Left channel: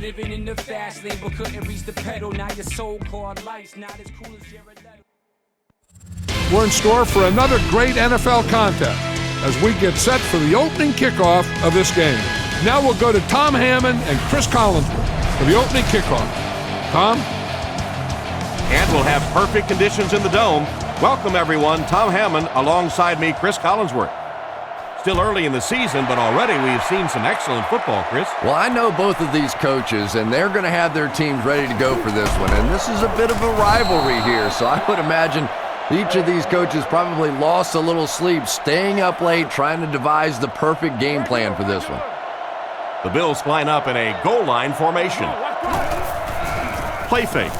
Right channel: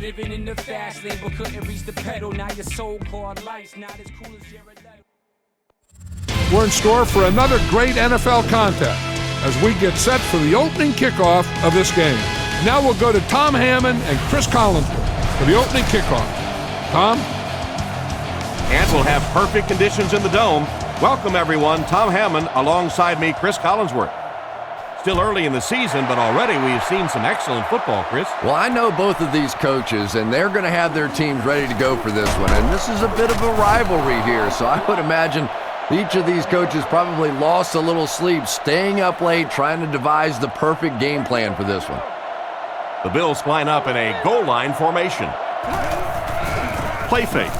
Living in the fast lane, but couldn't reach the pedal. Now your so-called life's not as cool as Jared Leto. We're in store for another great NFL contest as we get set for the opening kickoff of this game. Now we'll go to Tom Hammond and Chris Collinsworth for the opening kickoff. Tom? And we'll have perfect conditions in the dome. Welcome, everyone. Tom Hammond alongside me, Chris Collinsworth. Still early in the season, but already we've seen some excellent football, Chris. Well, I know both of these coaches, and they're going to have their teams ready to go for this one. And this is a bit of a rivalry here, so I would imagine each of these coaches probably lost a little sleep, staying up late, trying to devise the perfect game plan for this one. The Bills line up in a goal line formation. Play fake.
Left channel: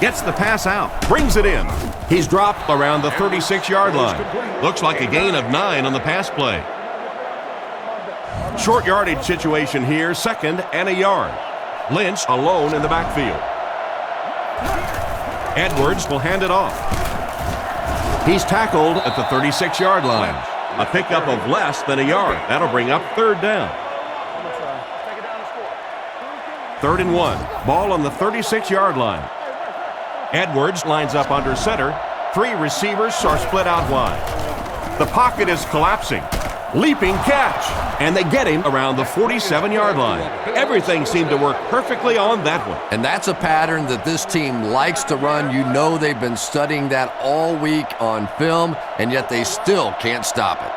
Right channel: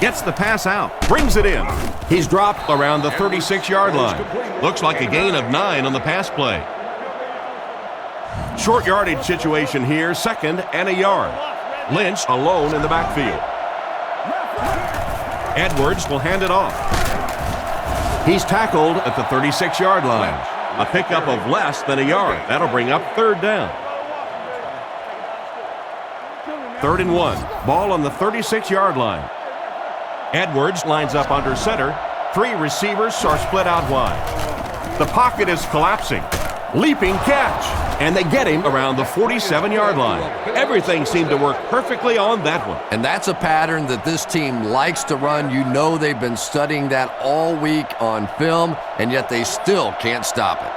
Gets the pass out. Brings it in. He's dropped around the 36-yard line. Looks like a gain of 9 on the pass play. Short yardage situation here, 2nd and a yard. Lynch alone in the backfield. Edwards will hand it off. He's tackled at the 36-yard line. A pickup of less than a yard. That'll bring up 3rd down. 3rd and 1. Ball on the 36-yard line. Edwards lines up under center. 3 receivers are split out wide. The pocket is collapsing. Leaping catch. And they get him around the 47-yard line. Everything seemed to work perfectly on that one. And that's a pattern that this team likes to run. You know they've been studying that all week on film, and yet they still can't stop it.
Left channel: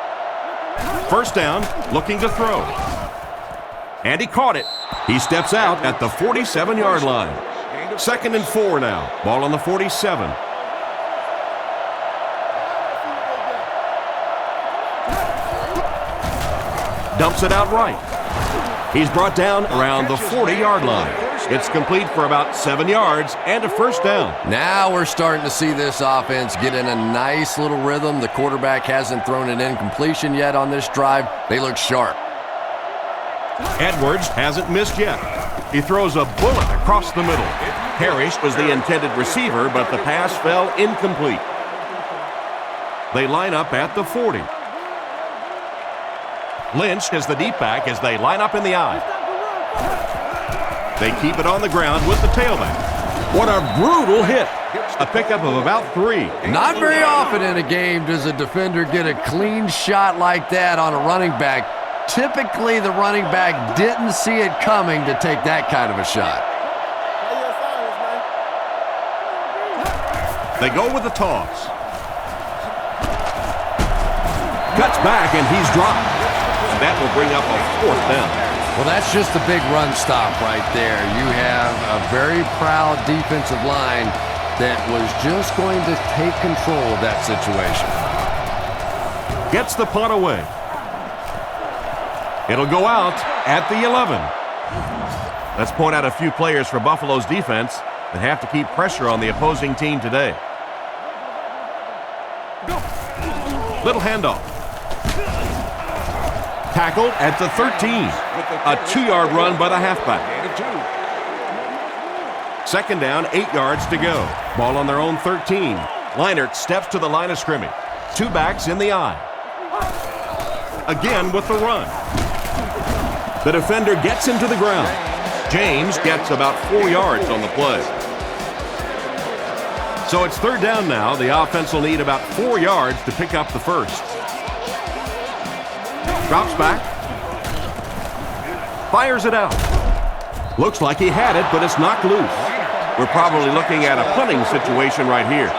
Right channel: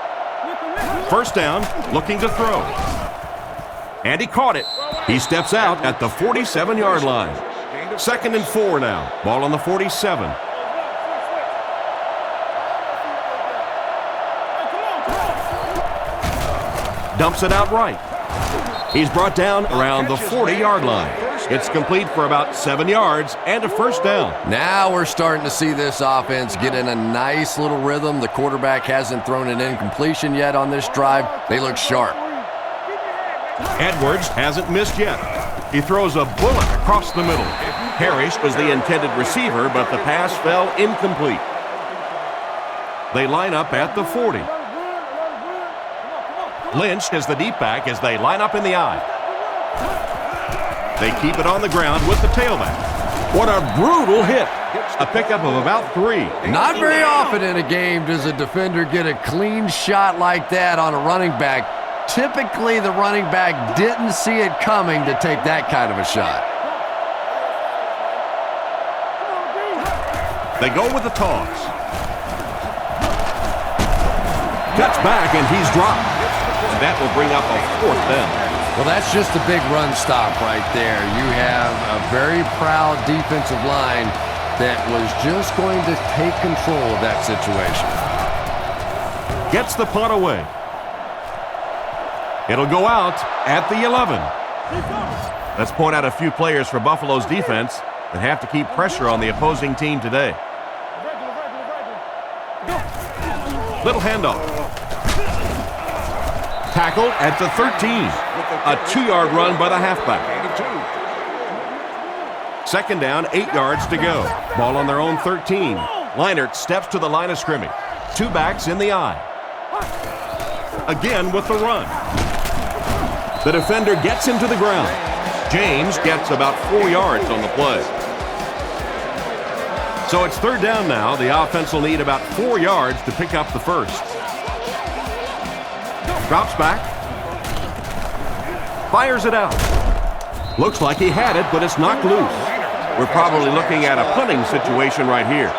1st down, looking to throw. And he caught it. He steps out at the 47-yard line. 2nd and 4 now. Ball on the 47. Dumps it out right. He's brought down around the 40-yard line. It's complete for about 7 yards and a 1st down. Now we're starting to see this offense get in a nice little rhythm. The quarterback hasn't thrown an incompletion yet on this drive. They look sharp. Edwards hasn't missed yet. He throws a bullet across the middle. Parrish was the intended receiver, but the pass fell incomplete. They line up at the 40. Lynch is the deep back as they line up in the I. They keep it on the ground with the tailback. What a brutal hit. A pickup of about 3. Not very often in a game does a defender get a clean shot like that on a running back. Typically, the running back didn't see it coming to take that kind of a shot. They go with the toss. Cuts back, and he's dropped. And that will bring up a 4th down. Well, that's just a big run stop right there. You have a very proud defensive line that was just going to take control of that situation. Gets the punt away. It'll go out at the 11. Let's point out a few players for Buffalo's defense that have to keep pressure on the opposing team today. Little handoff. Tackled at the 13. A 2-yard run by the halfback. 2nd down, 8 yards to go. Ball on their own 13. Leinart steps to the line of scrimmage. 2 backs in the I. Again with the run. The defender gets him to the ground. James gets about 4 yards on the play. So it's 3rd down now. The offense will need about 4 yards to pick up the 1st. Drops back. Fires it out. Looks like he had it, but it's knocked loose. We're probably looking at a punting situation right here.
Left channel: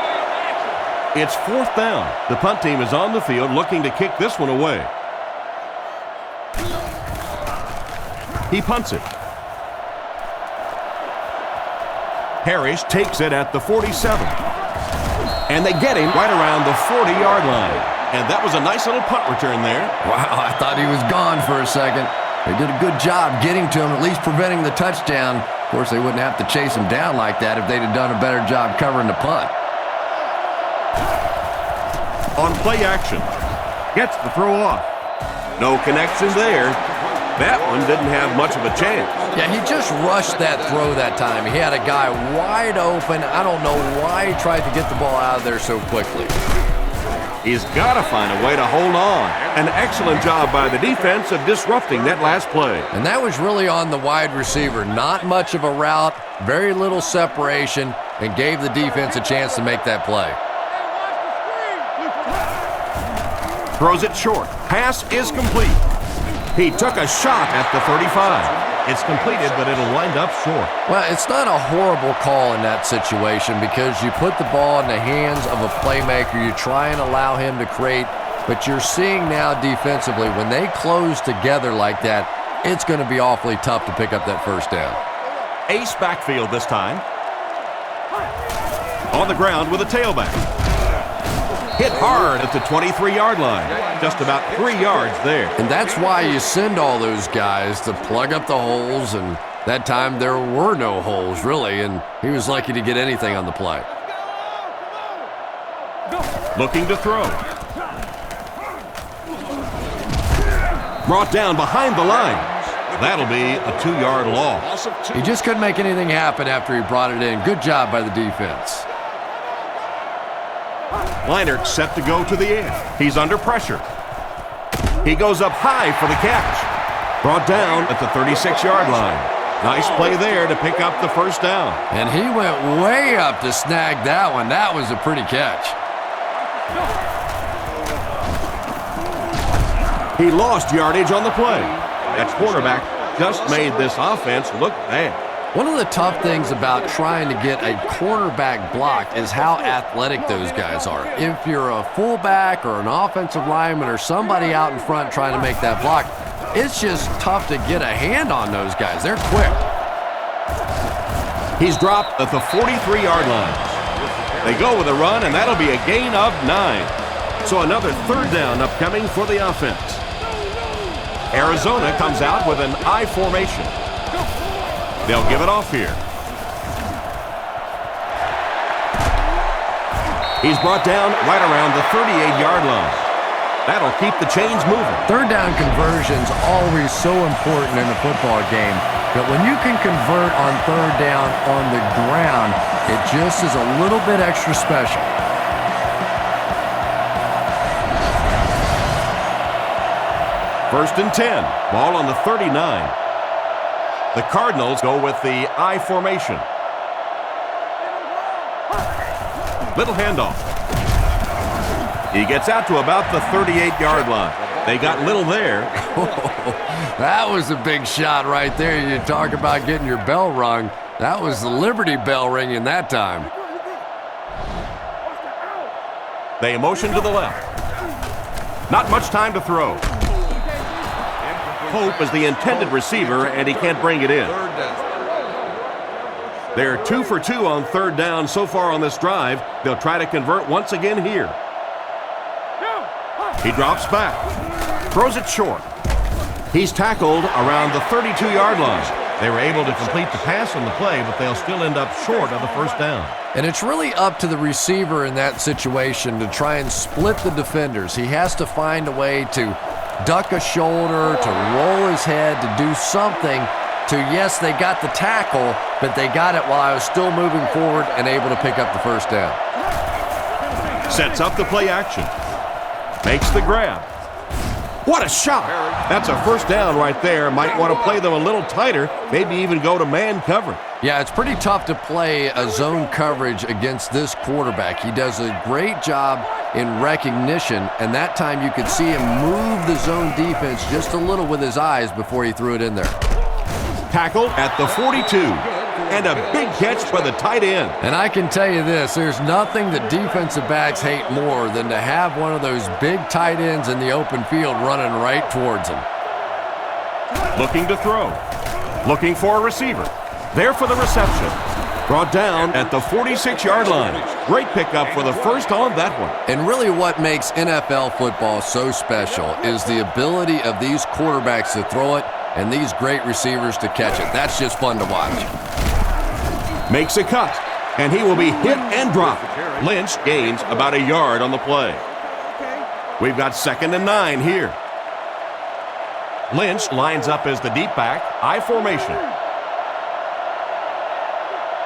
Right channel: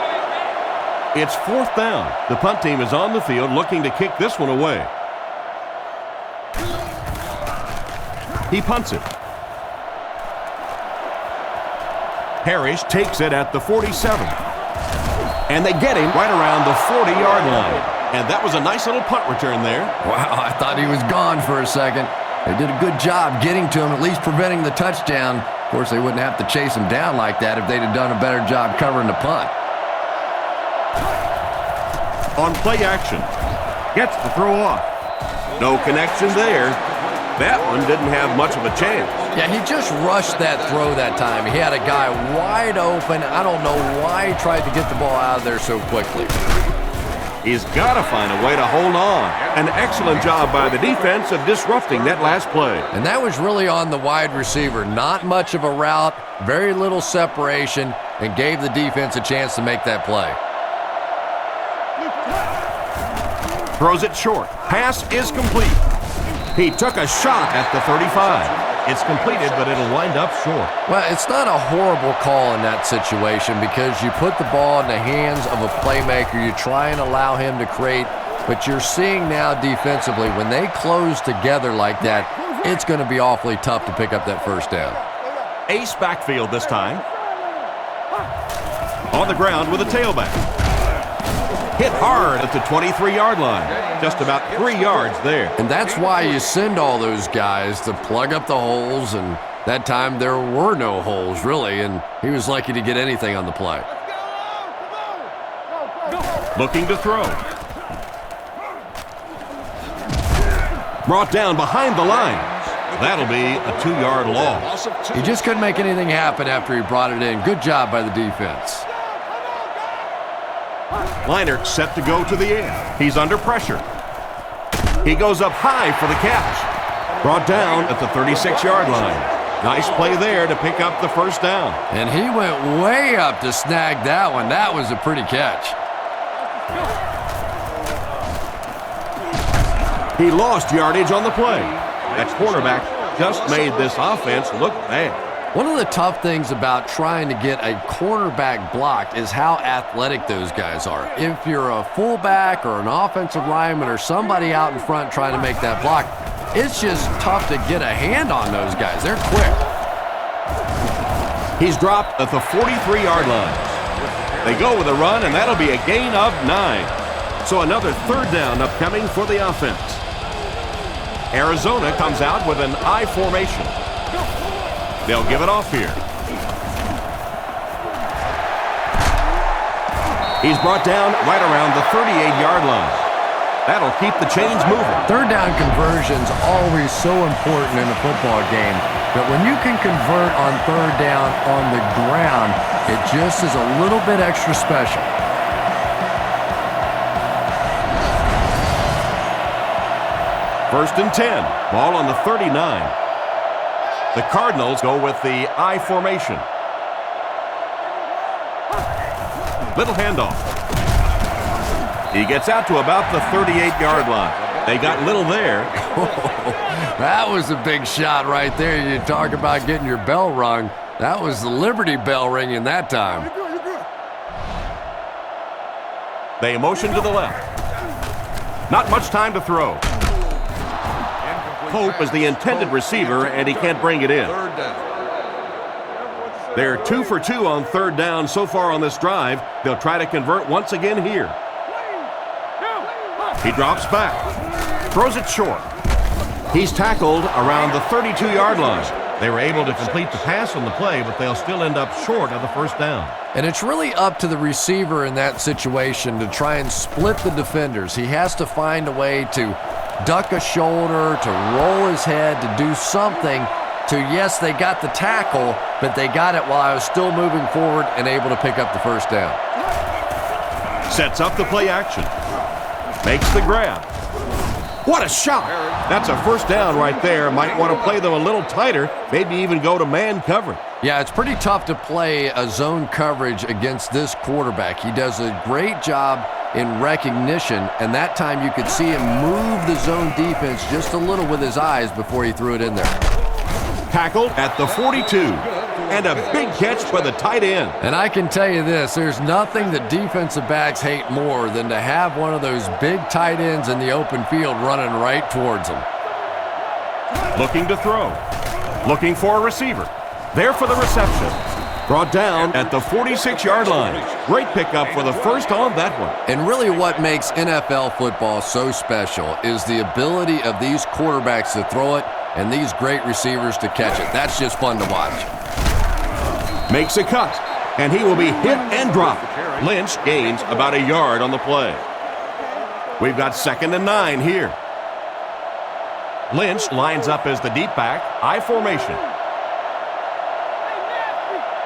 It's 4th down. The punt team is on the field looking to kick this one away. He punts it. Parrish takes it at the 47. And they get him right around the 40-yard line. And that was a nice little punt return there. Wow, I thought he was gone for a second. They did a good job getting to him, at least preventing the touchdown. Of course, they wouldn't have to chase him down like that if they'd have done a better job covering the punt. On play action. Gets the throw off. No connection there. That one didn't have much of a chance. Yeah, he just rushed that throw that time. He had a guy wide open. I don't know why he tried to get the ball out of there so quickly. He's got to find a way to hold on. An excellent job by the defense of disrupting that last play. And that was really on the wide receiver. Not much of a route, very little separation, and gave the defense a chance to make that play. Throws it short. Pass is complete. He took a shot at the 35. It's completed, but it'll wind up short. Well, it's not a horrible call in that situation because you put the ball in the hands of a playmaker. You try and allow him to create, but you're seeing now defensively, when they close together like that, it's going to be awfully tough to pick up that first down. Ace backfield this time. On the ground with a tailback. Hit hard at the 23-yard line. Just about 3 yards there. And that's why you send all those guys to plug up the holes, and that time there were no holes, really, and he was lucky to get anything on the play. Looking to throw. Brought down behind the lines. That'll be a 2-yard loss. He just couldn't make anything happen after he brought it in. Good job by the defense. Leinart set to go to the air. He's under pressure. He goes up high for the catch. Brought down at the 36-yard line. Nice play there to pick up the first down. And he went way up to snag that one. That was a pretty catch. He lost yardage on the play. That quarterback just made this offense look bad. One of the tough things about trying to get a quarterback blocked is how athletic those guys are. If you're a fullback or an offensive lineman or somebody out in front trying to make that block, it's just tough to get a hand on those guys. They're quick. He's dropped at the 43-yard line. They go with a run, and that'll be a gain of 9. So another third down upcoming for the offense. Arizona comes out with an I formation. They'll give it off here. He's brought down right around the 38-yard line. That'll keep the chains moving. Third down conversion's always so important in a football game, but when you can convert on third down on the ground, it just is a little bit extra special. First and 10. Ball on the 39. The Cardinals go with the I formation. Little handoff. He gets out to about the 38-yard line. They got little there. That was a big shot right there. You talk about getting your bell rung. That was the Liberty Bell ringing that time. They motion to the left. Not much time to throw. Pope is the intended receiver, and he can't bring it in. They're 2 for 2 on third down so far on this drive. They'll try to convert once again here. He drops back, throws it short. He's tackled around the 32-yard line. They were able to complete the pass on the play, but they'll still end up short of the first down. And it's really up to the receiver in that situation to try and split the defenders. He has to find a way to duck a shoulder, to roll his head, to do something to, yes, they got the tackle, but they got it while I was still moving forward and able to pick up the first down. Sets up the play action. Makes the grab. What a shot! That's a first down right there. Might want to play them a little tighter, maybe even go to man coverage. Yeah, it's pretty tough to play a zone coverage against this quarterback. He does a great job in recognition, and that time you could see him move the zone defense just a little with his eyes before he threw it in there. Tackled at the 42, and a big catch by the tight end. And I can tell you this, there's nothing that defensive backs hate more than to have one of those big tight ends in the open field running right towards them. Looking to throw. Looking for a receiver. There for the reception. Brought down at the 46-yard line. Great pickup for the first on that one. And really what makes NFL football so special is the ability of these quarterbacks to throw it and these great receivers to catch it. That's just fun to watch. Makes a cut, and he will be hit and dropped. Lynch gains about a yard on the play. We've got 2nd and 9 here. Lynch lines up as the deep back, I formation.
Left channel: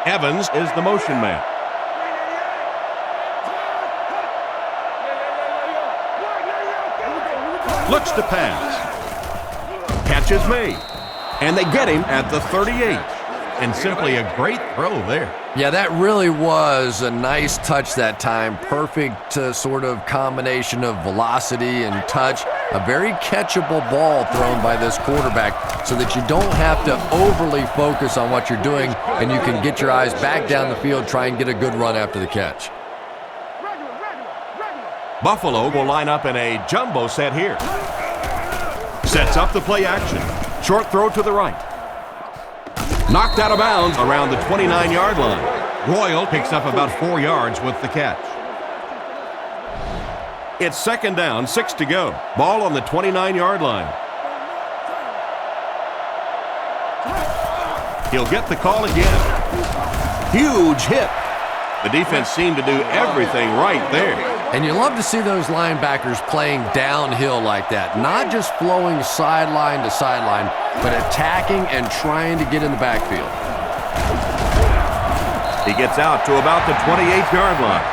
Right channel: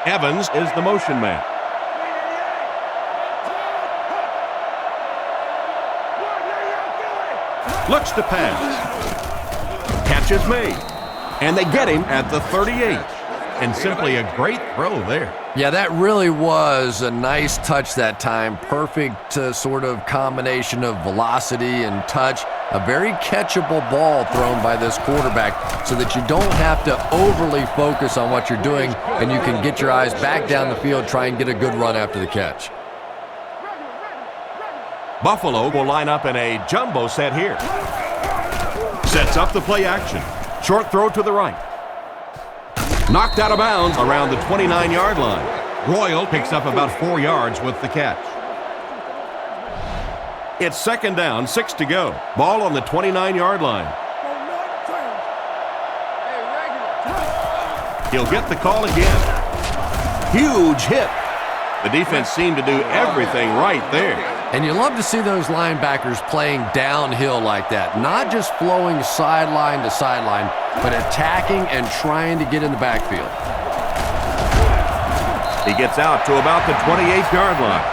Evans is the motion man. Looks to pass. Catch is made. And they get him at the 38. And simply a great throw there. Yeah, that really was a nice touch that time. Perfect sort of combination of velocity and touch. A very catchable ball thrown by this quarterback so that you don't have to overly focus on what you're doing and you can get your eyes back down the field, try and get a good run after the catch. Buffalo will line up in a jumbo set here. Sets up the play action. Short throw to the right. Knocked out of bounds around the 29-yard line. Royal picks up about 4 yards with the catch. It's second down, 6 to go. Ball on the 29-yard line. He'll get the call again. Huge hit. The defense seemed to do everything right there. And you love to see those linebackers playing downhill like that. Not just flowing sideline to sideline, but attacking and trying to get in the backfield. He gets out to about the 28-yard line.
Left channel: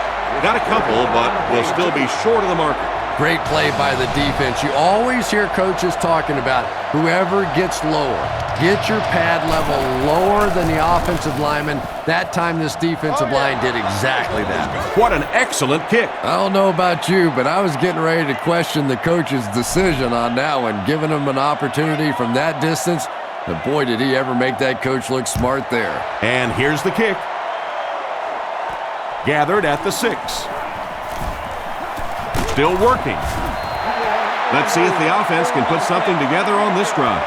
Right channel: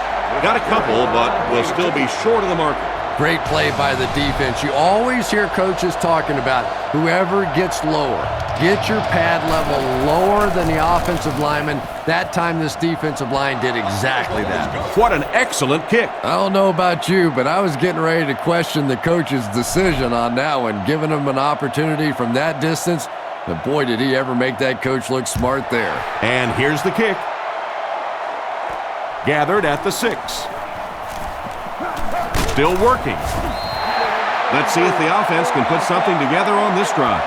Got a couple, but will still be short of the marker. Great play by the defense. You always hear coaches talking about whoever gets lower. Get your pad level lower than the offensive lineman. That time this defensive line did exactly that. What an excellent kick. I don't know about you, but I was getting ready to question the coach's decision on that one, giving him an opportunity from that distance. But boy, did he ever make that coach look smart there. And here's the kick. Gathered at the 6. Still working. Let's see if the offense can put something together on this drive.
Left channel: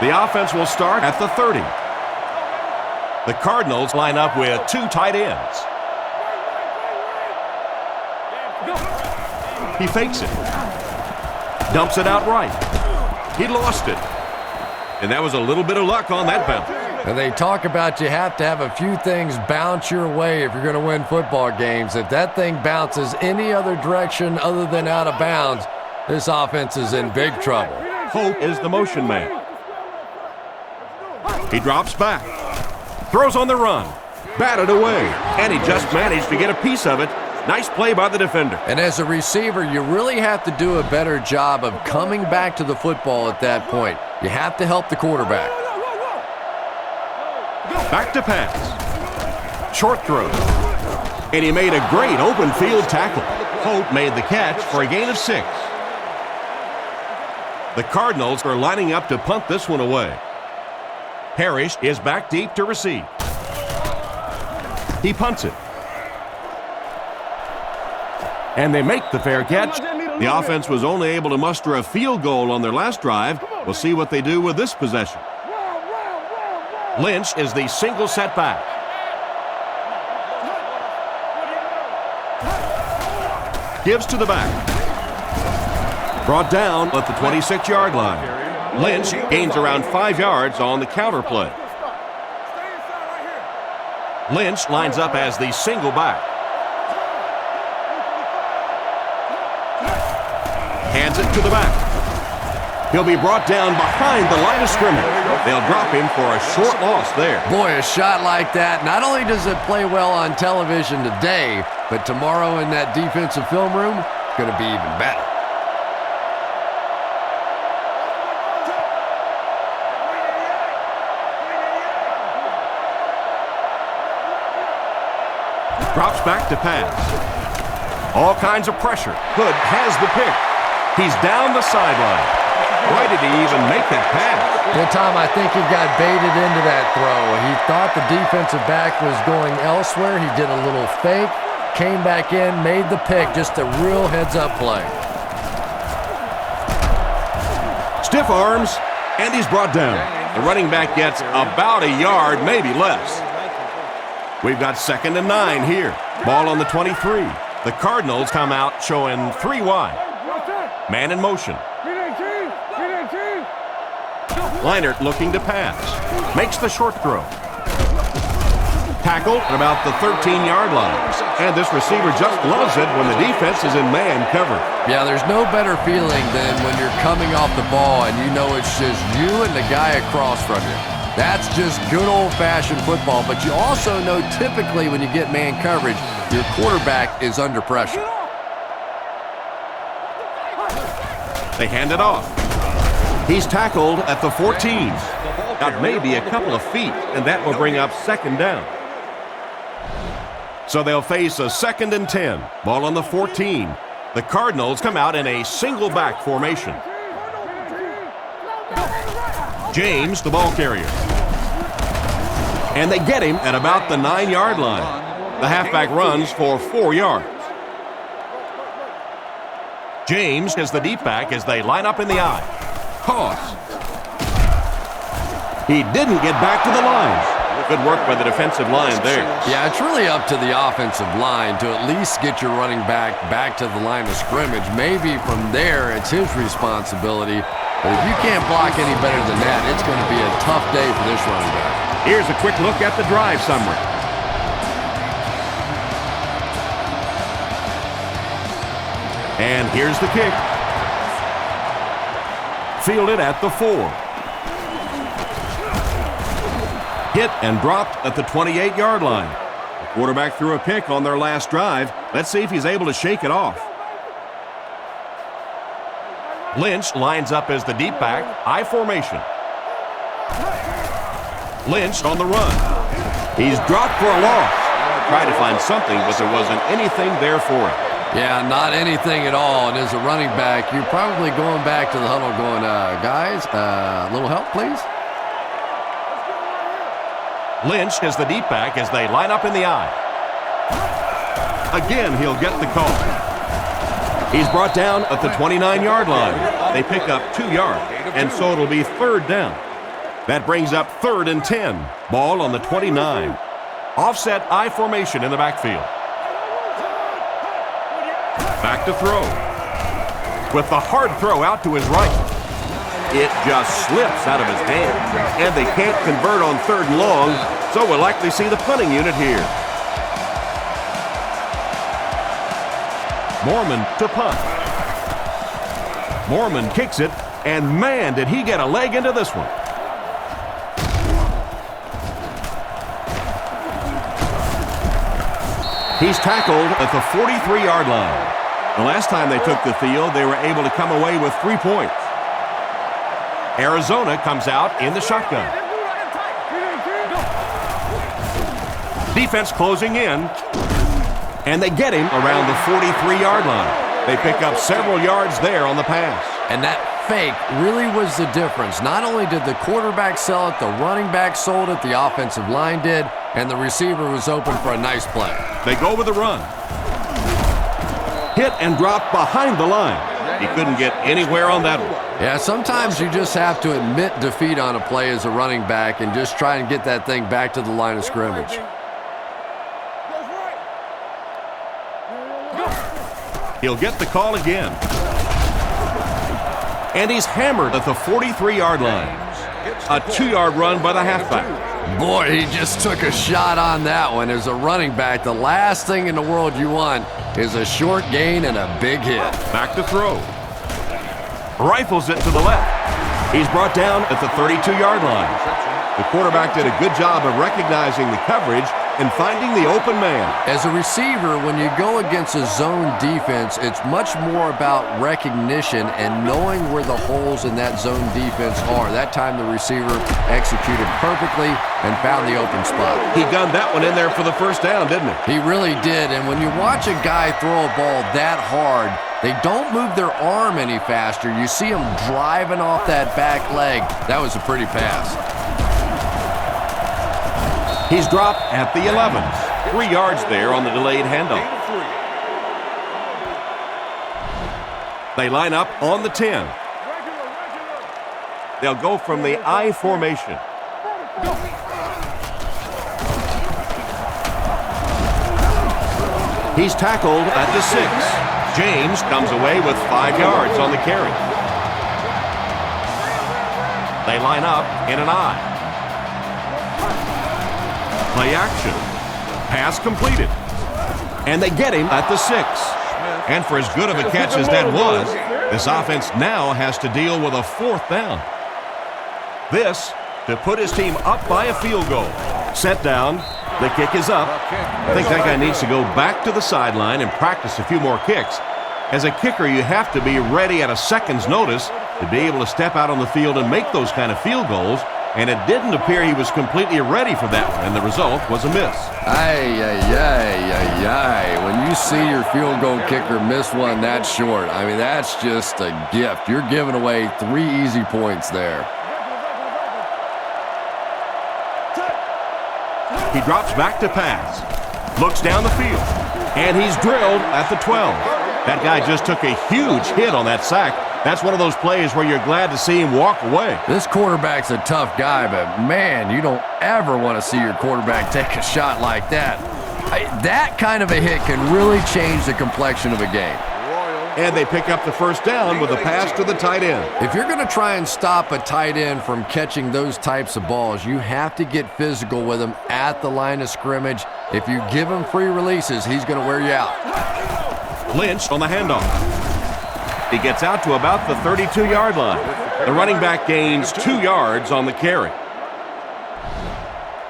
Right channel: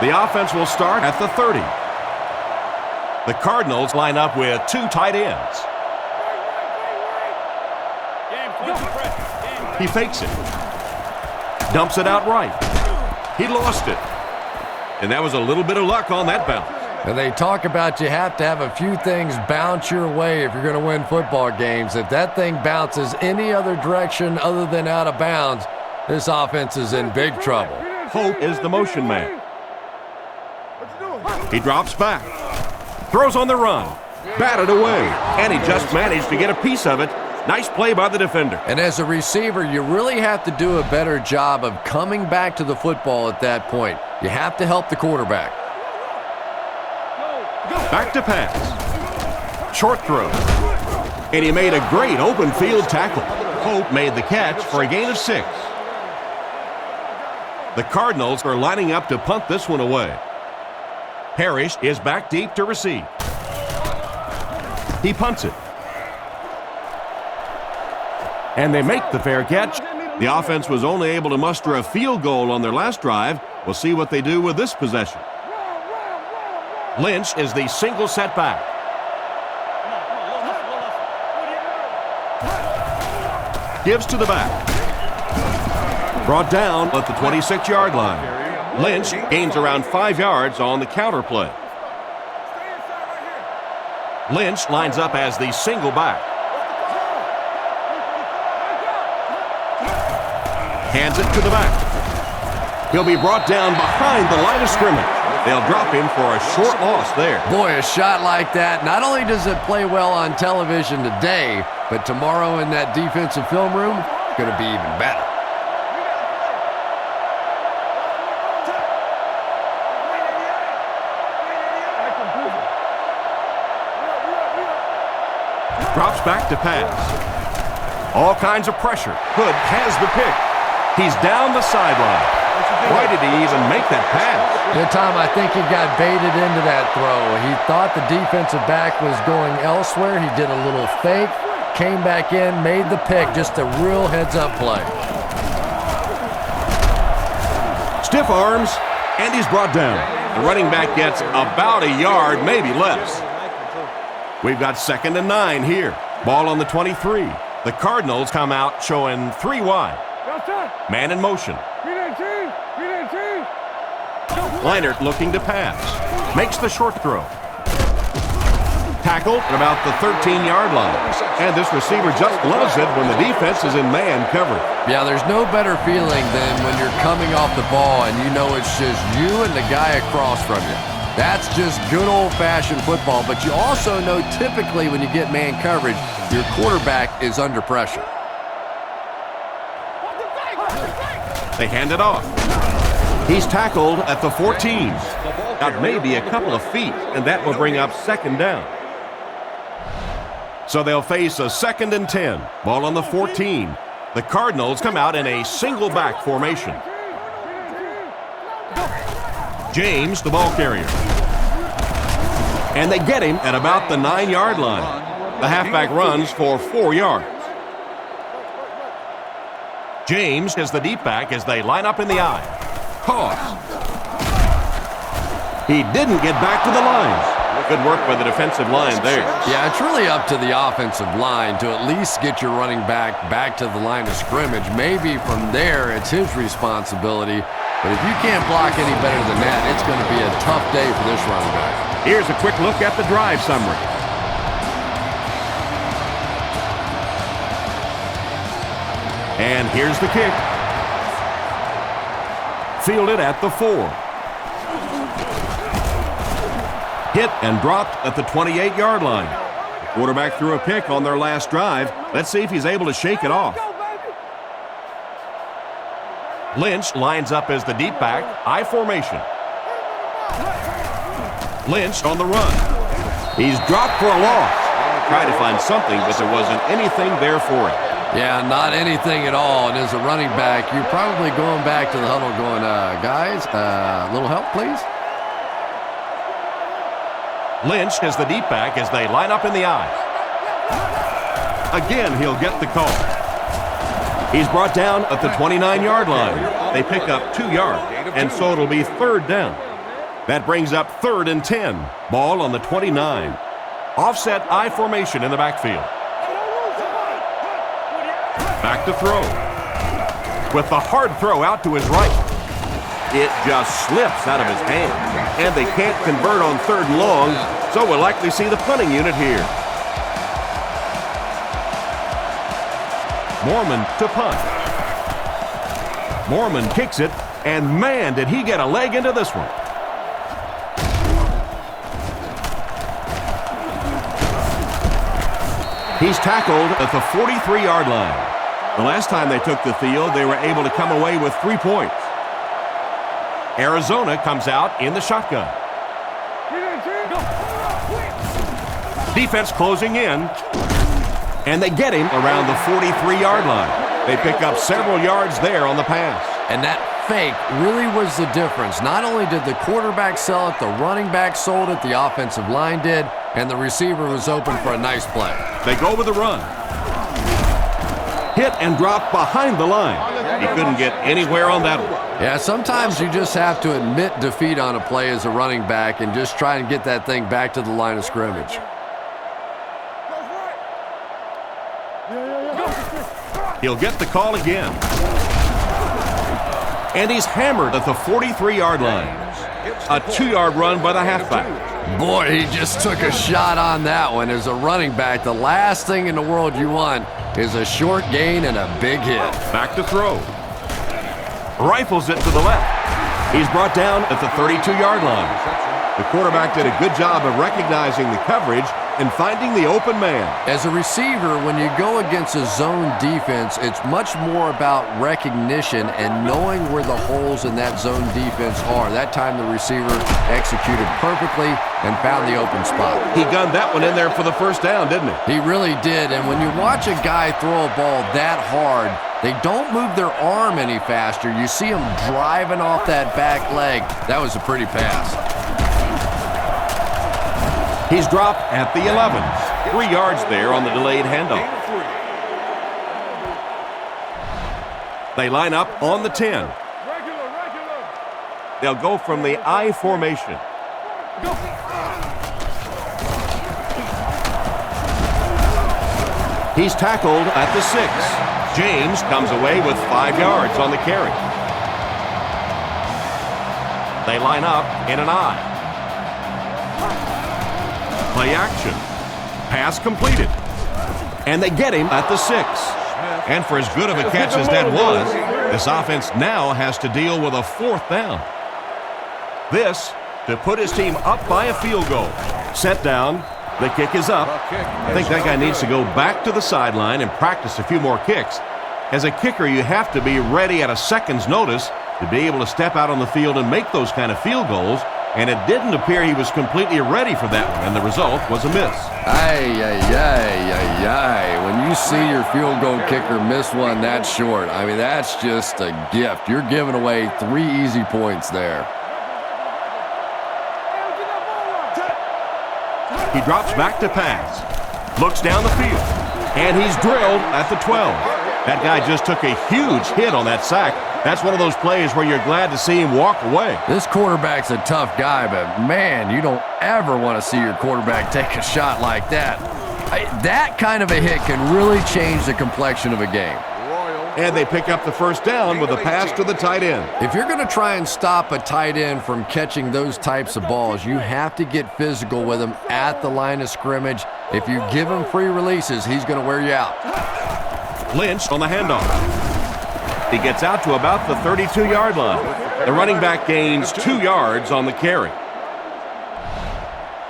The offense will start at the 30. The Cardinals line up with 2 tight ends. He fakes it. Dumps it out right. He lost it. And that was a little bit of luck on that bounce. And they talk about you have to have a few things bounce your way if you're going to win football games. If that thing bounces any other direction other than out of bounds, this offense is in big trouble. Hope is the motion man. He drops back. Throws on the run. Batted away. And he just managed to get a piece of it. Nice play by the defender. And as a receiver, you really have to do a better job of coming back to the football at that point. You have to help the quarterback. Back to pass. Short throw. And he made a great open field tackle. Hope made the catch for a gain of 6. The Cardinals are lining up to punt this one away. Parrish is back deep to receive. He punts it. And they make the fair catch. The offense was only able to muster a field goal on their last drive. We'll see what they do with this possession. Lynch is the single setback. Gives to the back. Brought down at the 26-yard line. Lynch gains around 5 yards on the counter play. Lynch lines up as the single back. Hands it to the back. He'll be brought down behind the line of scrimmage. They'll drop him for a short loss there. Boy, a shot like that, not only does it play well on television today, but tomorrow in that defensive film room, it's going to be even better. Drops back to pass. All kinds of pressure. Hood has the pick. He's down the sideline. Why did he even make that pass? Yeah, Tom, I think he got baited into that throw. He thought the defensive back was going elsewhere. He did a little fake, came back in, made the pick. Just a real heads-up play. Stiff arms, and he's brought down. The running back gets about a yard, maybe less. We've got 2nd and 9 here. Ball on the 23. The Cardinals come out showing 3 wide. Man in motion. Leinart looking to pass. Makes the short throw. Tackled at about the 13-yard line. And this receiver just loves it when the defense is in man coverage. Yeah, there's no better feeling than when you're coming off the ball and you know it's just you and the guy across from you. That's just good old-fashioned football, but you also know typically when you get man coverage, your quarterback is under pressure. They hand it off. He's tackled at the 14. That may be a couple of feet, and that will bring up second down. So they'll face a 2nd and 10. Ball on the 14. The Cardinals come out in a single back formation. James, the ball carrier. And they get him at about the 9-yard line. The halfback runs for 4 yards. James is the deep back as they line up in the I. Toss. He didn't get back to the lines. Good work by the defensive line there. Yeah, it's really up to the offensive line to at least get your running back to the line of scrimmage. Maybe from there it's his responsibility. But if you can't block any better than that, it's going to be a tough day for this running back. Here's a quick look at the drive summary. And here's the kick. Fielded at the 4. Hit and dropped at the 28-yard line. The quarterback threw a pick on their last drive. Let's see if he's able to shake it off. Lynch lines up as the deep back, I formation. Lynch on the run. He's dropped for a loss. Tried to find something, but there wasn't anything there for him. Yeah, not anything at all. And as a running back, you're probably going back to the huddle going, guys, a little help, please? Lynch is the deep back as they line up in the I. Again, he'll get the call. He's brought down at the 29-yard line. They pick up 2 yards, and so it'll be 3rd down. That brings up 3rd and 10. Ball on the 29. Offset I formation in the backfield. Back to throw. With the hard throw out to his right. It just slips out of his hand. And they can't convert on 3rd and long, so we'll likely see the punting unit here. Mormon to punt. Mormon kicks it, and man, did he get a leg into this one. He's tackled at the 43-yard line. The last time they took the field, they were able to come away with 3 points. Arizona comes out in the shotgun. Defense closing in, and they get him around the 43-yard line. They pick up several yards there on the pass. And that fake really was the difference. Not only did the quarterback sell it, the running back sold it, the offensive line did, and the receiver was open for a nice play. They go with a run. Hit and drop behind the line. He couldn't get anywhere on that one. Yeah, sometimes you just have to admit defeat on a play as a running back and just try and get that thing back to the line of scrimmage. He'll get the call again. And he's hammered at the 43-yard line. A 2-yard run by the halfback. Boy, he just took a shot on that one. As a running back, the last thing in the world you want is a short gain and a big hit. Back to throw. Rifles it to the left. He's brought down at the 32-yard line. The quarterback did a good job of recognizing the coverage and finding the open man. As a receiver, when you go against a zone defense, it's much more about recognition and knowing where the holes in that zone defense are. That time the receiver executed perfectly and found the open spot. He gunned that one in there for the first down, didn't he? He really did. And when you watch a guy throw a ball that hard, they don't move their arm any faster. You see them driving off that back leg. That was a pretty pass. He's dropped at the 11. 3 yards there on the delayed handoff. They line up on the 10. They'll go from the I formation. He's tackled at the 6. James comes away with 5 yards on the carry. They line up in an I. Play action. Pass completed. And they get him at the 6. And for as good of a catch as that was, this offense now has to deal with a 4th down. This to put his team up by a field goal. Set down. The kick is up. I think that guy needs to go back to the sideline and practice a few more kicks. As a kicker, you have to be ready at a second's notice to be able to step out on the field and make those kind of field goals. And it didn't appear he was completely ready for that one, and the result was a miss. When you see your field goal kicker miss one that short, I mean, that's just a gift. You're giving away 3 easy points there. He drops back to pass, looks down the field, and he's drilled at the 12. That guy just took a huge hit on that sack. That's one of those plays where you're glad to see him walk away. This quarterback's a tough guy, but man, you don't ever want to see your quarterback take a shot like that. That kind of a hit can really change the complexion of a game. And they pick up the first down with a pass to the tight end. If you're going to try and stop a tight end from catching those types of balls, you have to get physical with him at the line of scrimmage. If you give him free releases, he's going to wear you out. Lynch on the handoff. He gets out to about the 32-yard line. The running back gains 2 yards on the carry.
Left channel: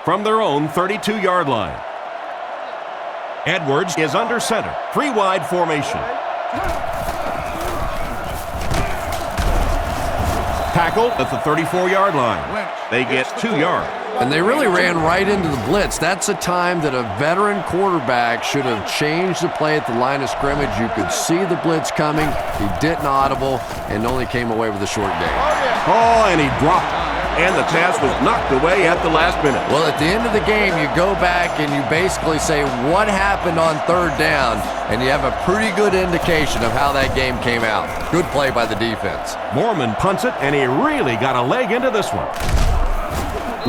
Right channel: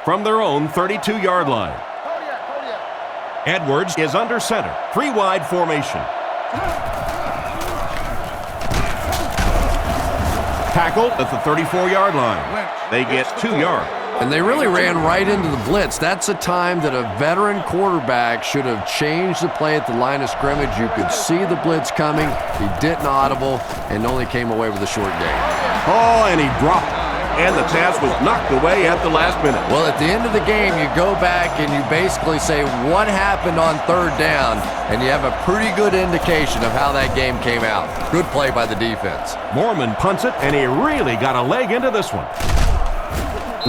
From their own 32-yard line. Edwards is under center. 3 wide formation. Tackled at the 34-yard line. They get 2 yards. And they really ran right into the blitz. That's a time that a veteran quarterback should have changed the play at the line of scrimmage. You could see the blitz coming. He didn't audible and only came away with a short gain. Oh, and he dropped it. And the pass was knocked away at the last minute. Well, at the end of the game, you go back and you basically say what happened on 3rd down, and you have a pretty good indication of how that game came out. Good play by the defense. Mormon punts it, and he really got a leg into this one.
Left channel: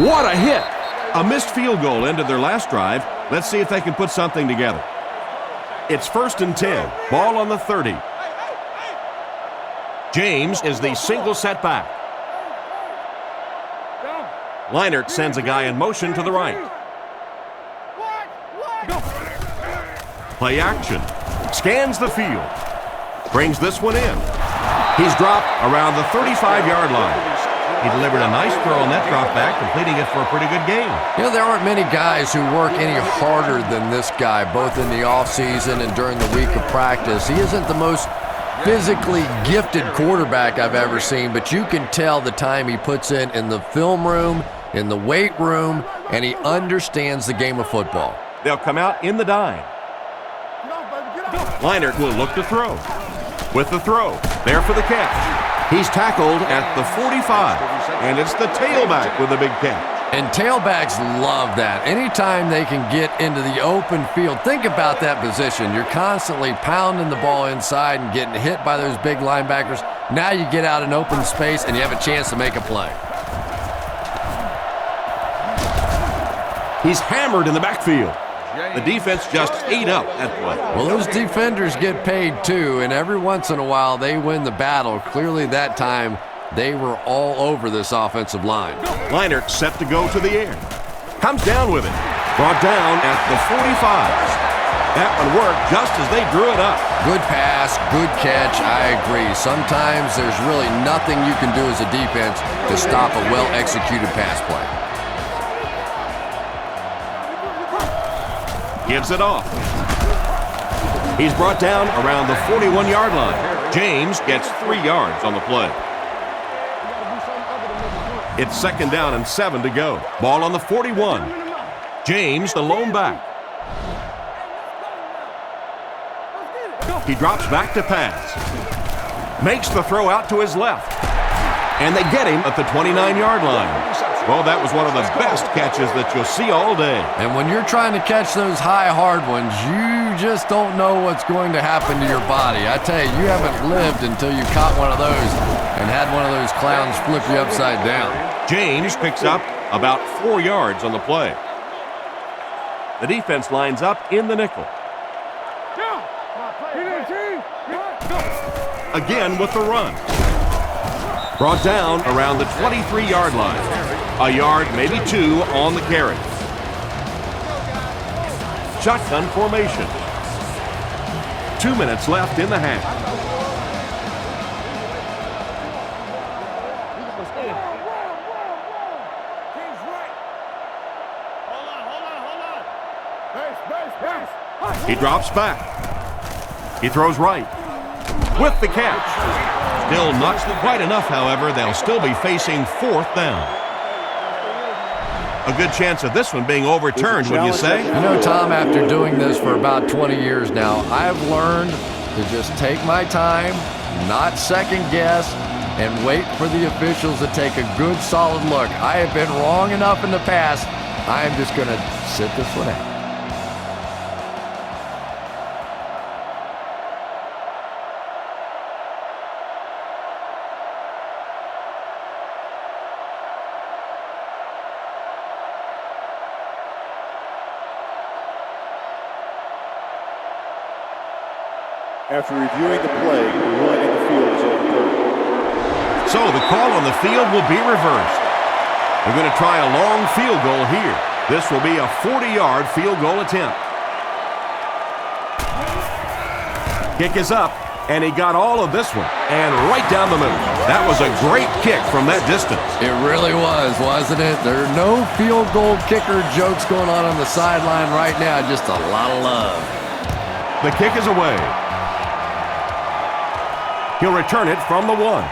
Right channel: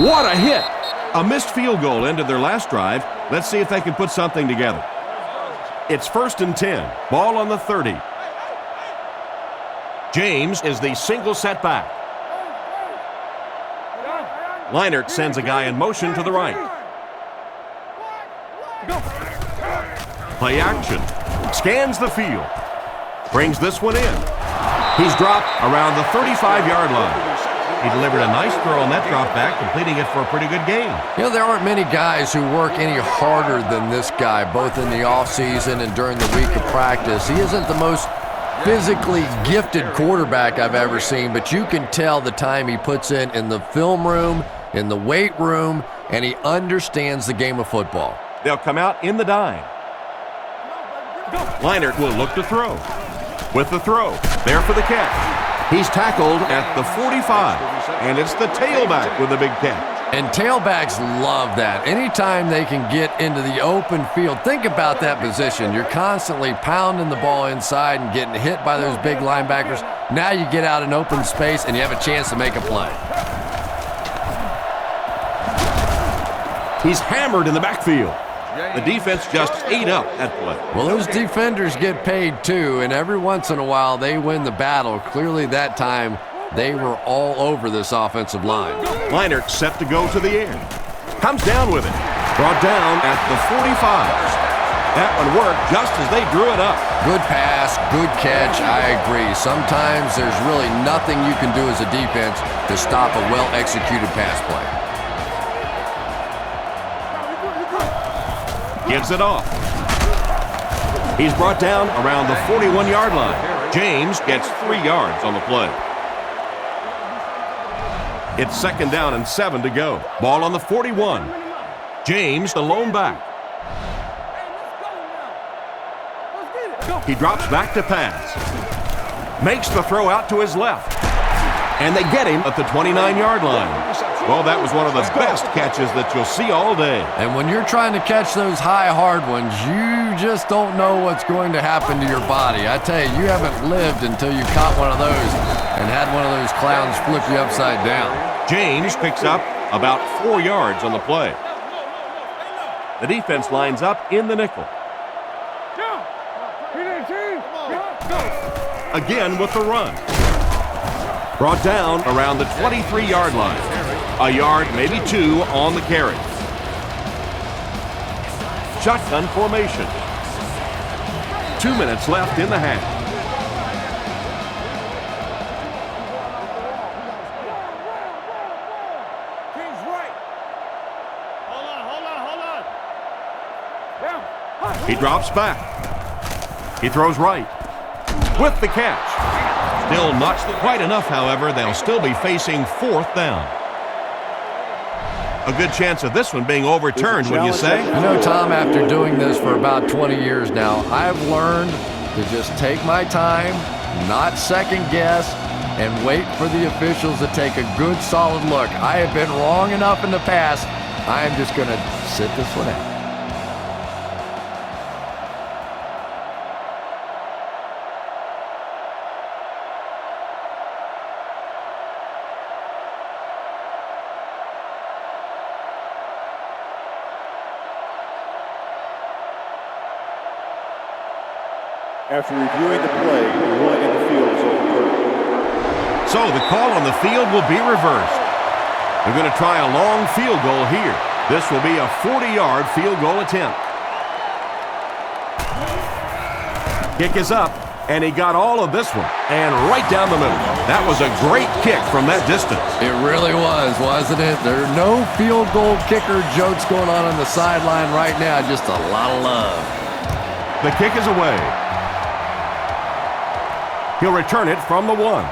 What a hit! A missed field goal ended their last drive. Let's see if they can put something together. It's 1st and 10. Ball on the 30. James is the single setback. Leinart sends a guy in motion to the right. Play action. Scans the field. Brings this one in. He's dropped around the 35-yard line. He delivered a nice throw on that drop back, completing it for a pretty good gain. You know, there aren't many guys who work any harder than this guy, both in the offseason and during the week of practice. He isn't the most physically gifted quarterback I've ever seen, but you can tell the time he puts in the film room, in the weight room, and he understands the game of football. They'll come out in the dime. Leinart will look to throw. With the throw, there for the catch. He's tackled at the 45, and it's the tailback with a big catch. And tailbacks love that. Anytime they can get into the open field, think about that position. You're constantly pounding the ball inside and getting hit by those big linebackers. Now you get out in open space and you have a chance to make a play. He's hammered in the backfield. The defense just ate up that play. Well, those defenders get paid too, and every once in a while they win the battle. Clearly that time they were all over this offensive line. Leinart set to go to the air. Comes down with it. Brought down at the 45. That one worked just as they drew it up. Good pass, good catch, I agree. Sometimes there's really nothing you can do as a defense to stop a well-executed pass play. Gives it off. He's brought down around the 41-yard line. James gets 3 yards on the play. It's 2nd down and 7 to go. Ball on the 41. James, the lone back. He drops back to pass. Makes the throw out to his left. And they get him at the 29-yard line. Well, that was one of the best catches that you'll see all day. And when you're trying to catch those high, hard ones, you just don't know what's going to happen to your body. I tell you, you haven't lived until you caught one of those and had one of those clowns flip you upside down. James picks up about 4 yards on the play. The defense lines up in the nickel. Again with the run. Brought down around the 23-yard line. A yard, maybe 2 on the carry. Shotgun formation. 2 minutes left in the half. He drops back. He throws right. with the catch. Still not quite enough, however. They'll still be facing 4th down. A good chance of this one being overturned, would you say? You know, Tom, after doing this for about 20 years now, I've learned to just take my time, not second guess, and wait for the officials to take a good, solid look. I have been wrong enough in the past. I am just going to sit this one out. After reviewing the play, the ruling in the field is overturned. So the call on the field will be reversed. They're going to try a long field goal here. This will be a 40-yard field goal attempt. Kick is up, and he got all of this one, and right down the middle. That was a great kick from that distance. It really was, wasn't it? There are no field goal kicker jokes going on the sideline right now, just a lot of love. The kick is away. He'll return it from the 1.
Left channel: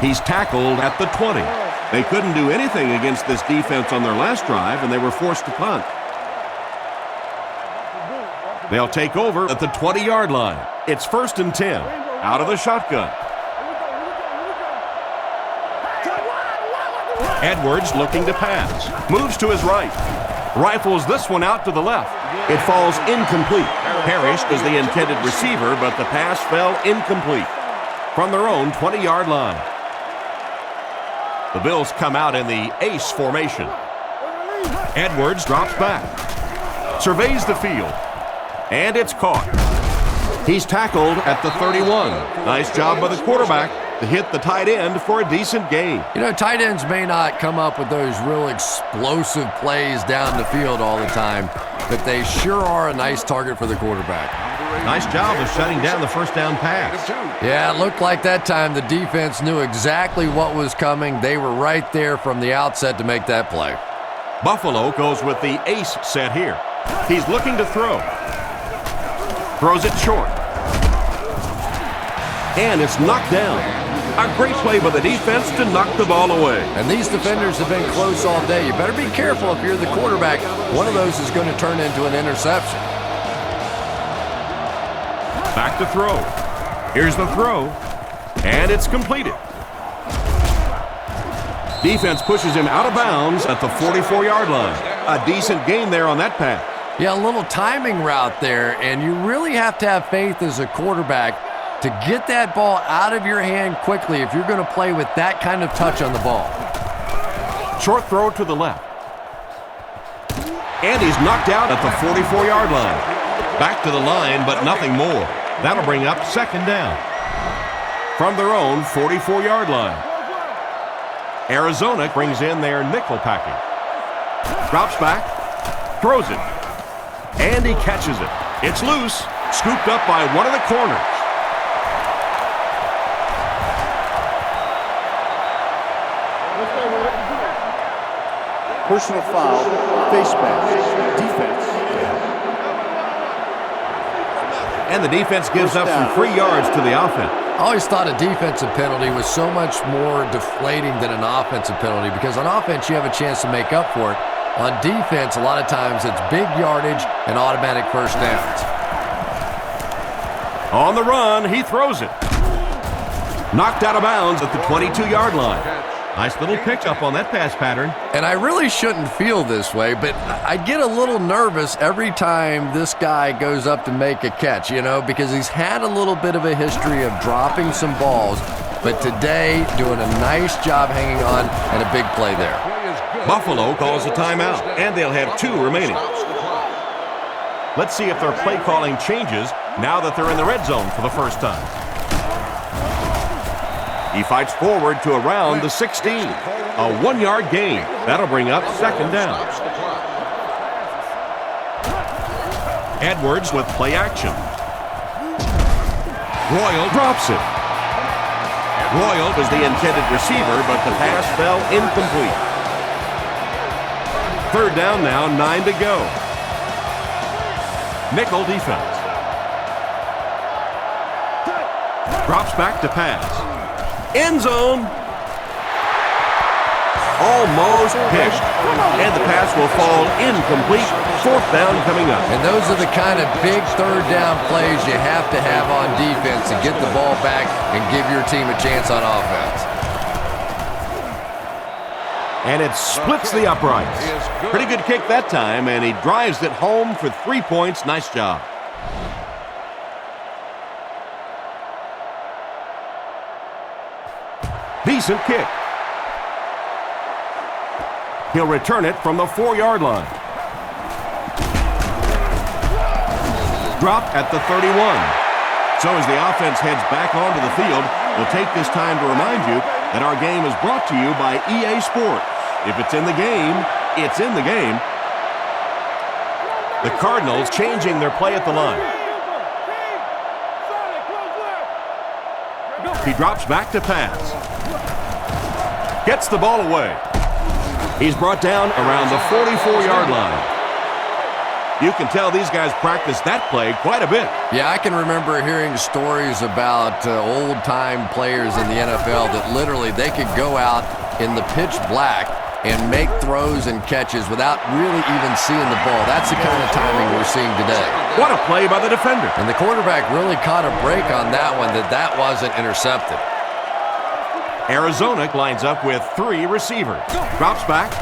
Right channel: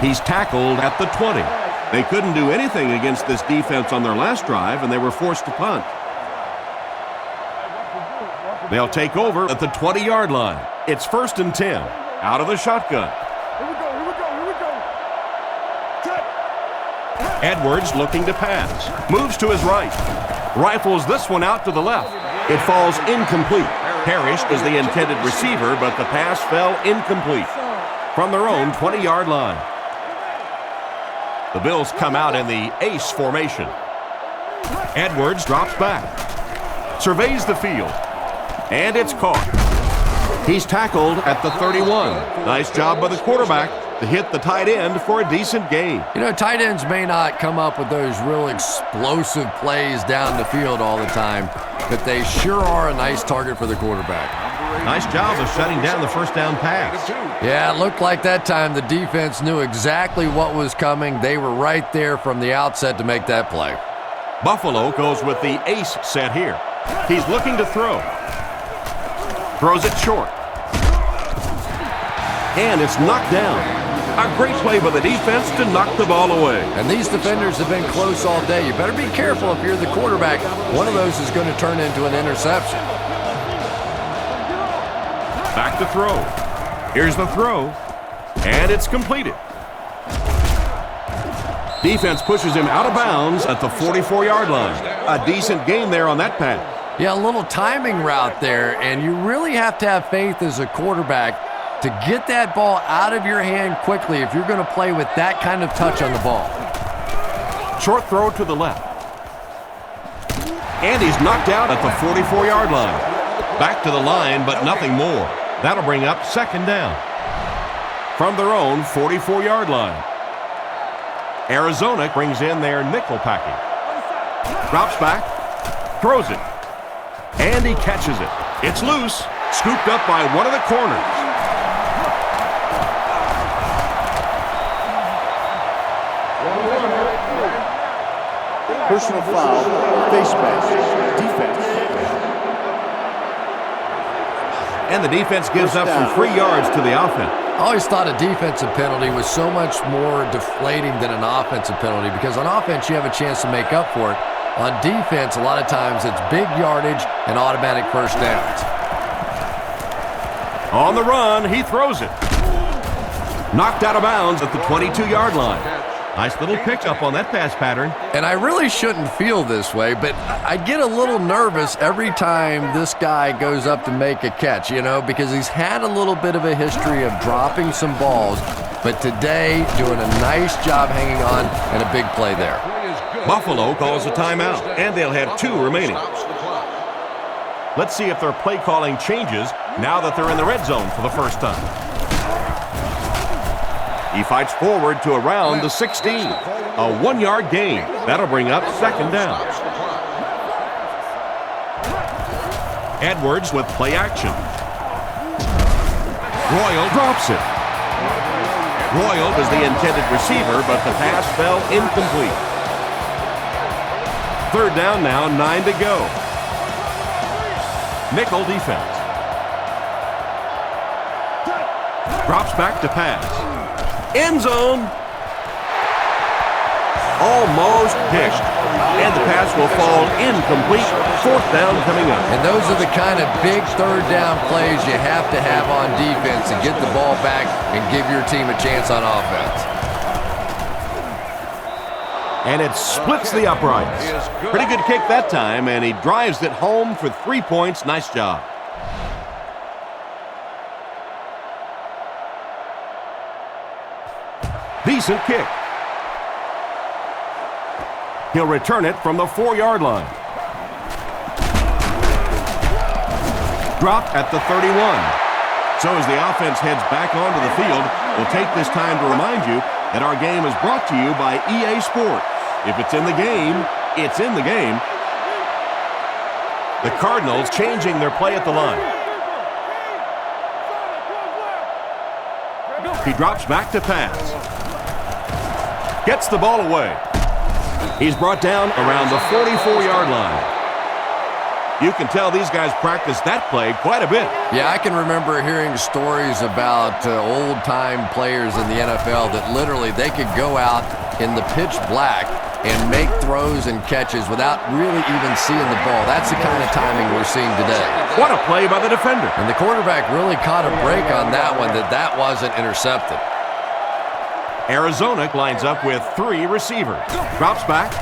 He's tackled at the 20. They couldn't do anything against this defense on their last drive, and they were forced to punt. They'll take over at the 20-yard line. It's 1st and 10, out of the shotgun. Edwards looking to pass. Moves to his right. Rifles this one out to the left. It falls incomplete. Parrish was the intended receiver, but the pass fell incomplete. From their own 20-yard line. The Bills come out in the ace formation. Edwards drops back. Surveys the field. And it's caught. He's tackled at the 31. Nice job by the quarterback to hit the tight end for a decent gain. You know, tight ends may not come up with those real explosive plays down the field all the time, but they sure are a nice target for the quarterback. Nice job of shutting down the first down pass. Yeah, it looked like that time the defense knew exactly what was coming. They were right there from the outset to make that play. Buffalo goes with the ace set here. He's looking to throw. Throws it short. And it's knocked down. A great play by the defense to knock the ball away. And these defenders have been close all day. You better be careful if you're the quarterback. One of those is going to turn into an interception. Back to throw. Here's the throw. And it's completed. Defense pushes him out of bounds at the 44-yard line. A decent gain there on that pass. Yeah, a little timing route there, and you really have to have faith as a quarterback to get that ball out of your hand quickly if you're going to play with that kind of touch on the ball. Short throw to the left. And he's knocked out at the 44-yard line. Back to the line, but nothing more. That'll bring up 2nd down. From their own 44-yard line. Arizona brings in their nickel package. Drops back. Throws it. And he catches it. It's loose. Scooped up by one of the corners. Personal foul, face mask, defense. And the defense gives up some free yards to the offense. I always thought a defensive penalty was so much more deflating than an offensive penalty because on offense you have a chance to make up for it. On defense, a lot of times it's big yardage and automatic first downs. On the run, he throws it. Knocked out of bounds at the 22-yard line. Nice little pickup on that pass pattern. And I really shouldn't feel this way, but I get a little nervous every time this guy goes up to make a catch, you know, because he's had a little bit of a history of dropping some balls, but today doing a nice job hanging on and a big play there. Buffalo calls a timeout, and they'll have 2 remaining. Let's see if their play calling changes now that they're in the red zone for the first time. He fights forward to around the 16. A 1-yard gain. That'll bring up 2nd down. Edwards with play action. Royal drops it. Royal was the intended receiver, but the pass fell incomplete. 3rd down now, 9 to go. Nickel defense. Drops back to pass. End zone. Almost picked. And the pass will fall incomplete. 4th down coming up. And those are the kind of big 3rd down plays you have to have on defense to get the ball back and give your team a chance on offense. And it splits the uprights. Pretty good kick that time, and he drives it home for 3 points. Nice job. Decent kick. He'll return it from the 4-yard line. Dropped at the 31. So as the offense heads back onto the field, we'll take this time to remind you that our game is brought to you by EA Sports. If it's in the game, it's in the game. The Cardinals changing their play at the line. He drops back to pass. Gets the ball away. He's brought down around the 44-yard line. You can tell these guys practice that play quite a bit. Yeah, I can remember hearing stories about old-time players in the NFL that literally they could go out in the pitch black and make throws and catches without really even seeing the ball. That's the kind of timing we're seeing today. What a play by the defender. And the quarterback really caught a break on that one, that wasn't intercepted. Arizona lines up with 3 receivers. Drops back.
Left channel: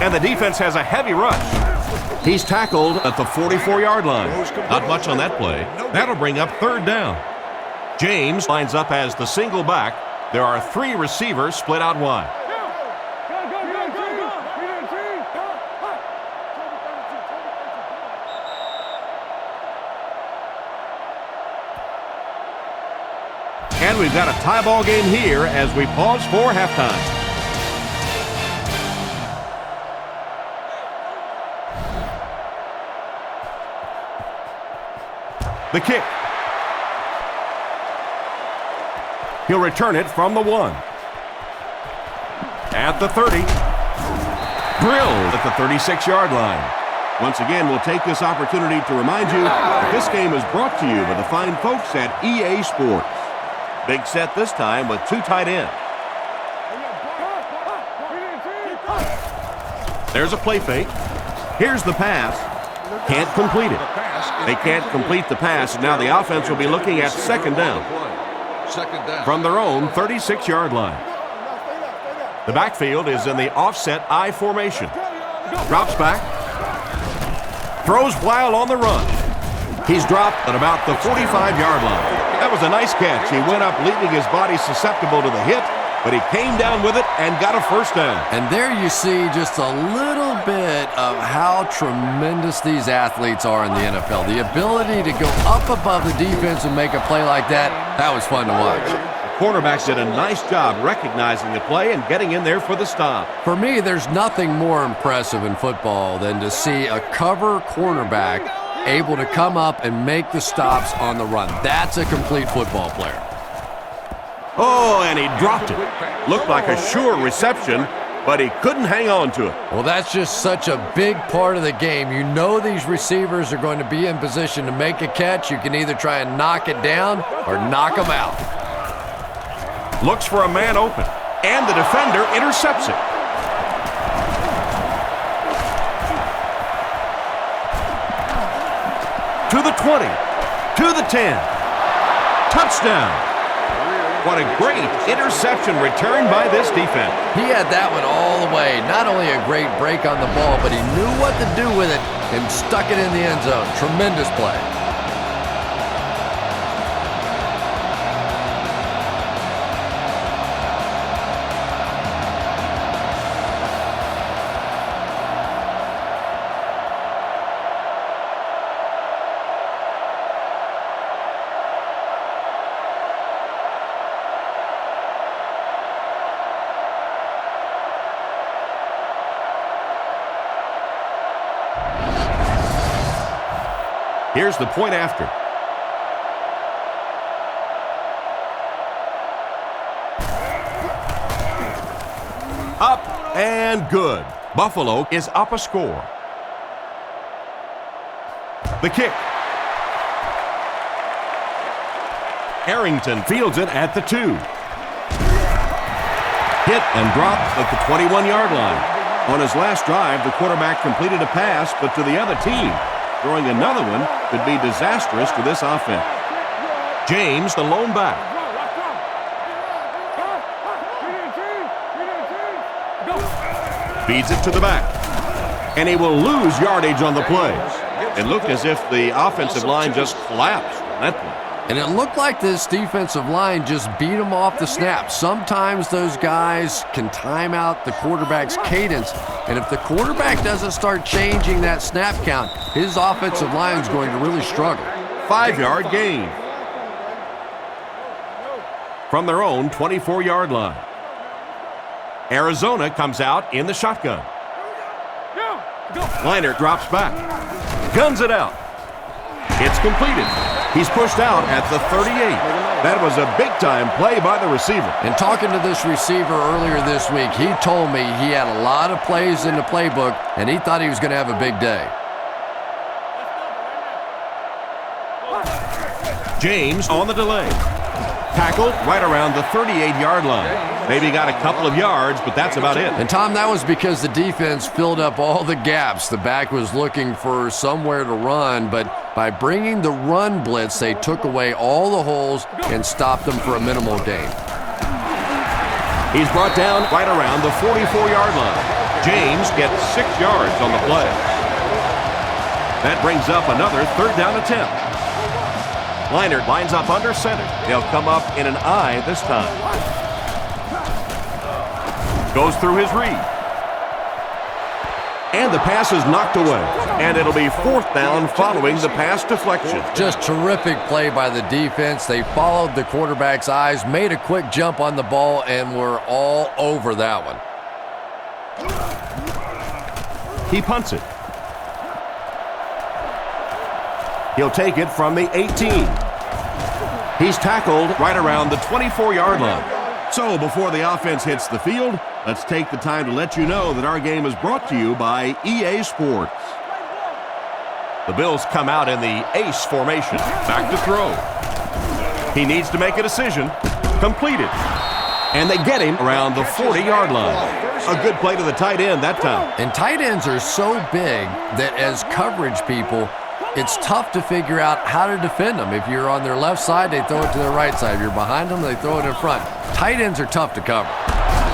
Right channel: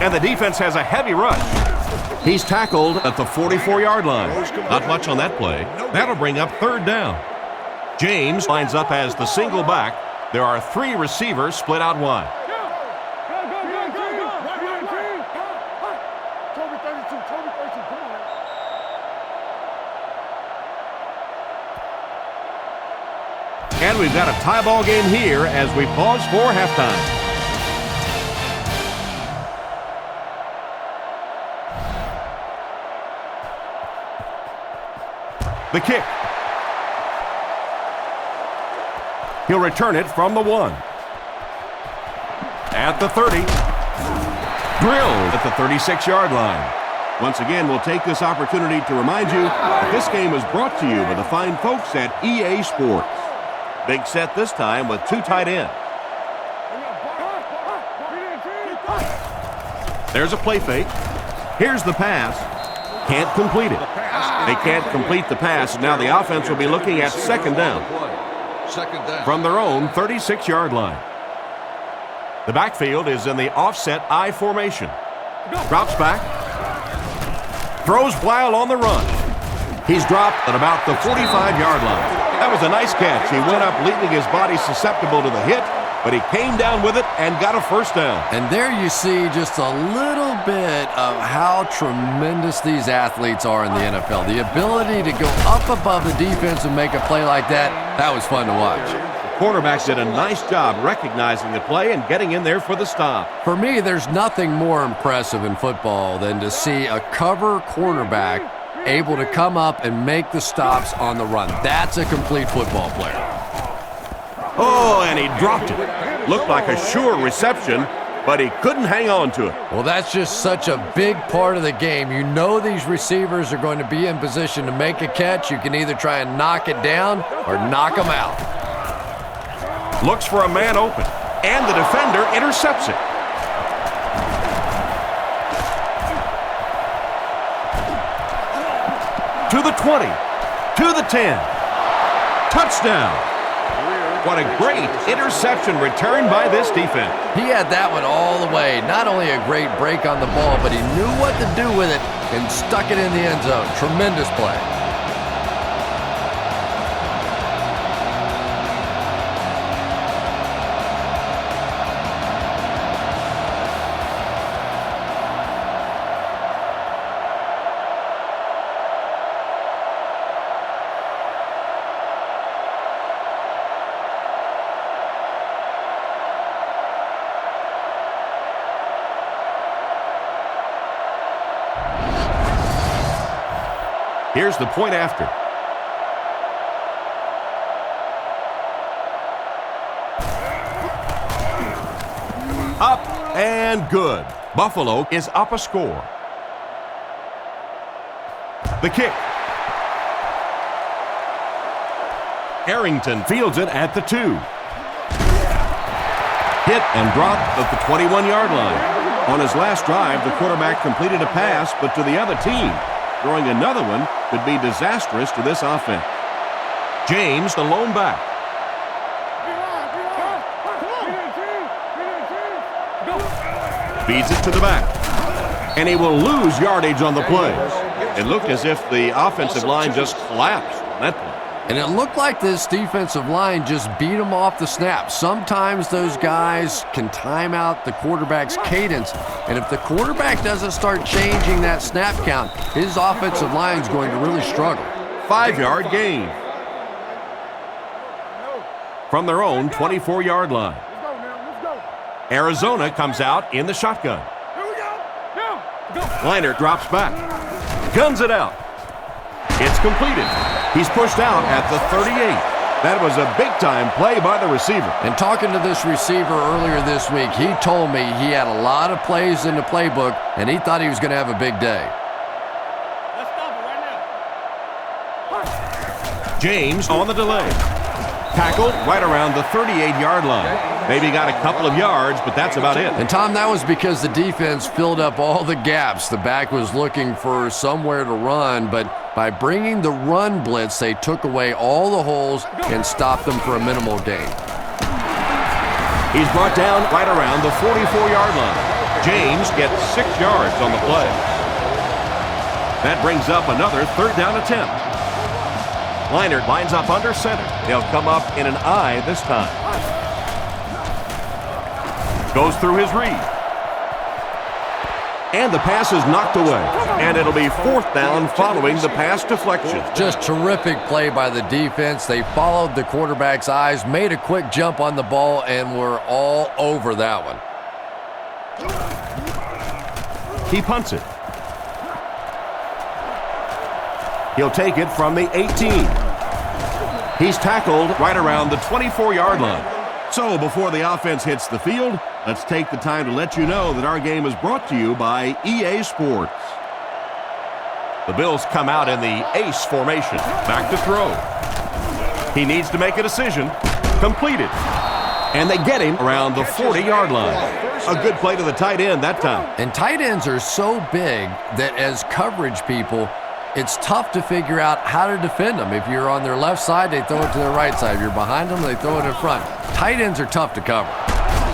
And the defense has a heavy rush. He's tackled at the 44-yard line. Not much on that play. That'll bring up 3rd down. James lines up as the single back. There are 3 receivers split out wide. And we've got a tie ball game here as we pause for halftime. The kick. He'll return it from the 1. At the 30. Drilled at the 36-yard line. Once again, we'll take this opportunity to remind you that this game is brought to you by the fine folks at EA Sports. Big set this time with 2 tight ends. There's a play fake. Here's the pass. Can't complete it. They can't complete the pass, and now the offense will be looking at 2nd down. From their own 36-yard line. The backfield is in the offset I formation. Drops back. Throws while on the run. He's dropped at about the 45-yard line. That was a nice catch. He went up leaving his body susceptible to the hit, but he came down with it and got a 1st down. And there you see just a little bit of how tremendous these athletes are in the NFL. The ability to go up above the defense and make a play like that was fun to watch. The cornerbacks did a nice job recognizing the play and getting in there for the stop. For me, there's nothing more impressive in football than to see a cover cornerback able to come up and make the stops on the run. That's a complete football player. Oh, and he dropped it. Looked like a sure reception, but he couldn't hang on to it. Well, that's just such a big part of the game. You know these receivers are going to be in position to make a catch. You can either try and knock it down or knock them out. Looks for a man open, and the defender intercepts it. To the 20, to the 10. Touchdown. What a great interception return by this defense. He had that one all the way. Not only a great break on the ball, but he knew what to do with it and stuck it in the end zone. Tremendous play. Here's the point after. Up and good. Buffalo is up a score. The kick. Arrington fields it at the 2. Hit and drop at the 21-yard line. On his last drive, the quarterback completed a pass, but to the other team. Throwing another one could be disastrous to this offense. James, the lone back. Feeds it to the back. And he will lose yardage on the play. It looked as if the offensive line just collapsed on that play. And it looked like this defensive line just beat him off the snap. Sometimes those guys can time out the quarterback's cadence. And if the quarterback doesn't start changing that snap count, his offensive line is going to really struggle. 5-yard gain. From their own 24-yard line. Arizona comes out in the shotgun. Liner drops back. Guns it out. It's completed. He's pushed out at the 38. That was a big-time play by the receiver. And talking to this receiver earlier this week, he told me he had a lot of plays in the playbook, and he thought he was going to have a big day. Let's stop it right now. James on the delay. Tackled right around the 38-yard line. Maybe got a couple of yards, but that's about it. And, Tom, that was because the defense filled up all the gaps. The back was looking for somewhere to run, but by bringing the run blitz, they took away all the holes and stopped them for a minimal gain. He's brought down right around the 44-yard line. James gets 6 yards on the play. That brings up another third down attempt. Liner lines up under center. They'll come up in an I this time. Goes through his read. And the pass is knocked away. And it'll be 4th down following the pass deflection. Just terrific play by the defense. They followed the quarterback's eyes, made a quick jump on the ball, and were all over that one. He punts it. He'll take it from the 18. He's tackled right around the 24-yard line. So before the offense hits the field, let's take the time to let you know that our game is brought to you by EA Sports. The Bills come out in the ace formation. Back to throw. He needs to make a decision. Completed. And they get him around the 40-yard line. A good play to the tight end that time. And tight ends are so big that as coverage people, it's tough to figure out how to defend them. If you're on their left side, they throw it to their right side. If you're behind them, they throw it in front. Tight ends are tough to cover.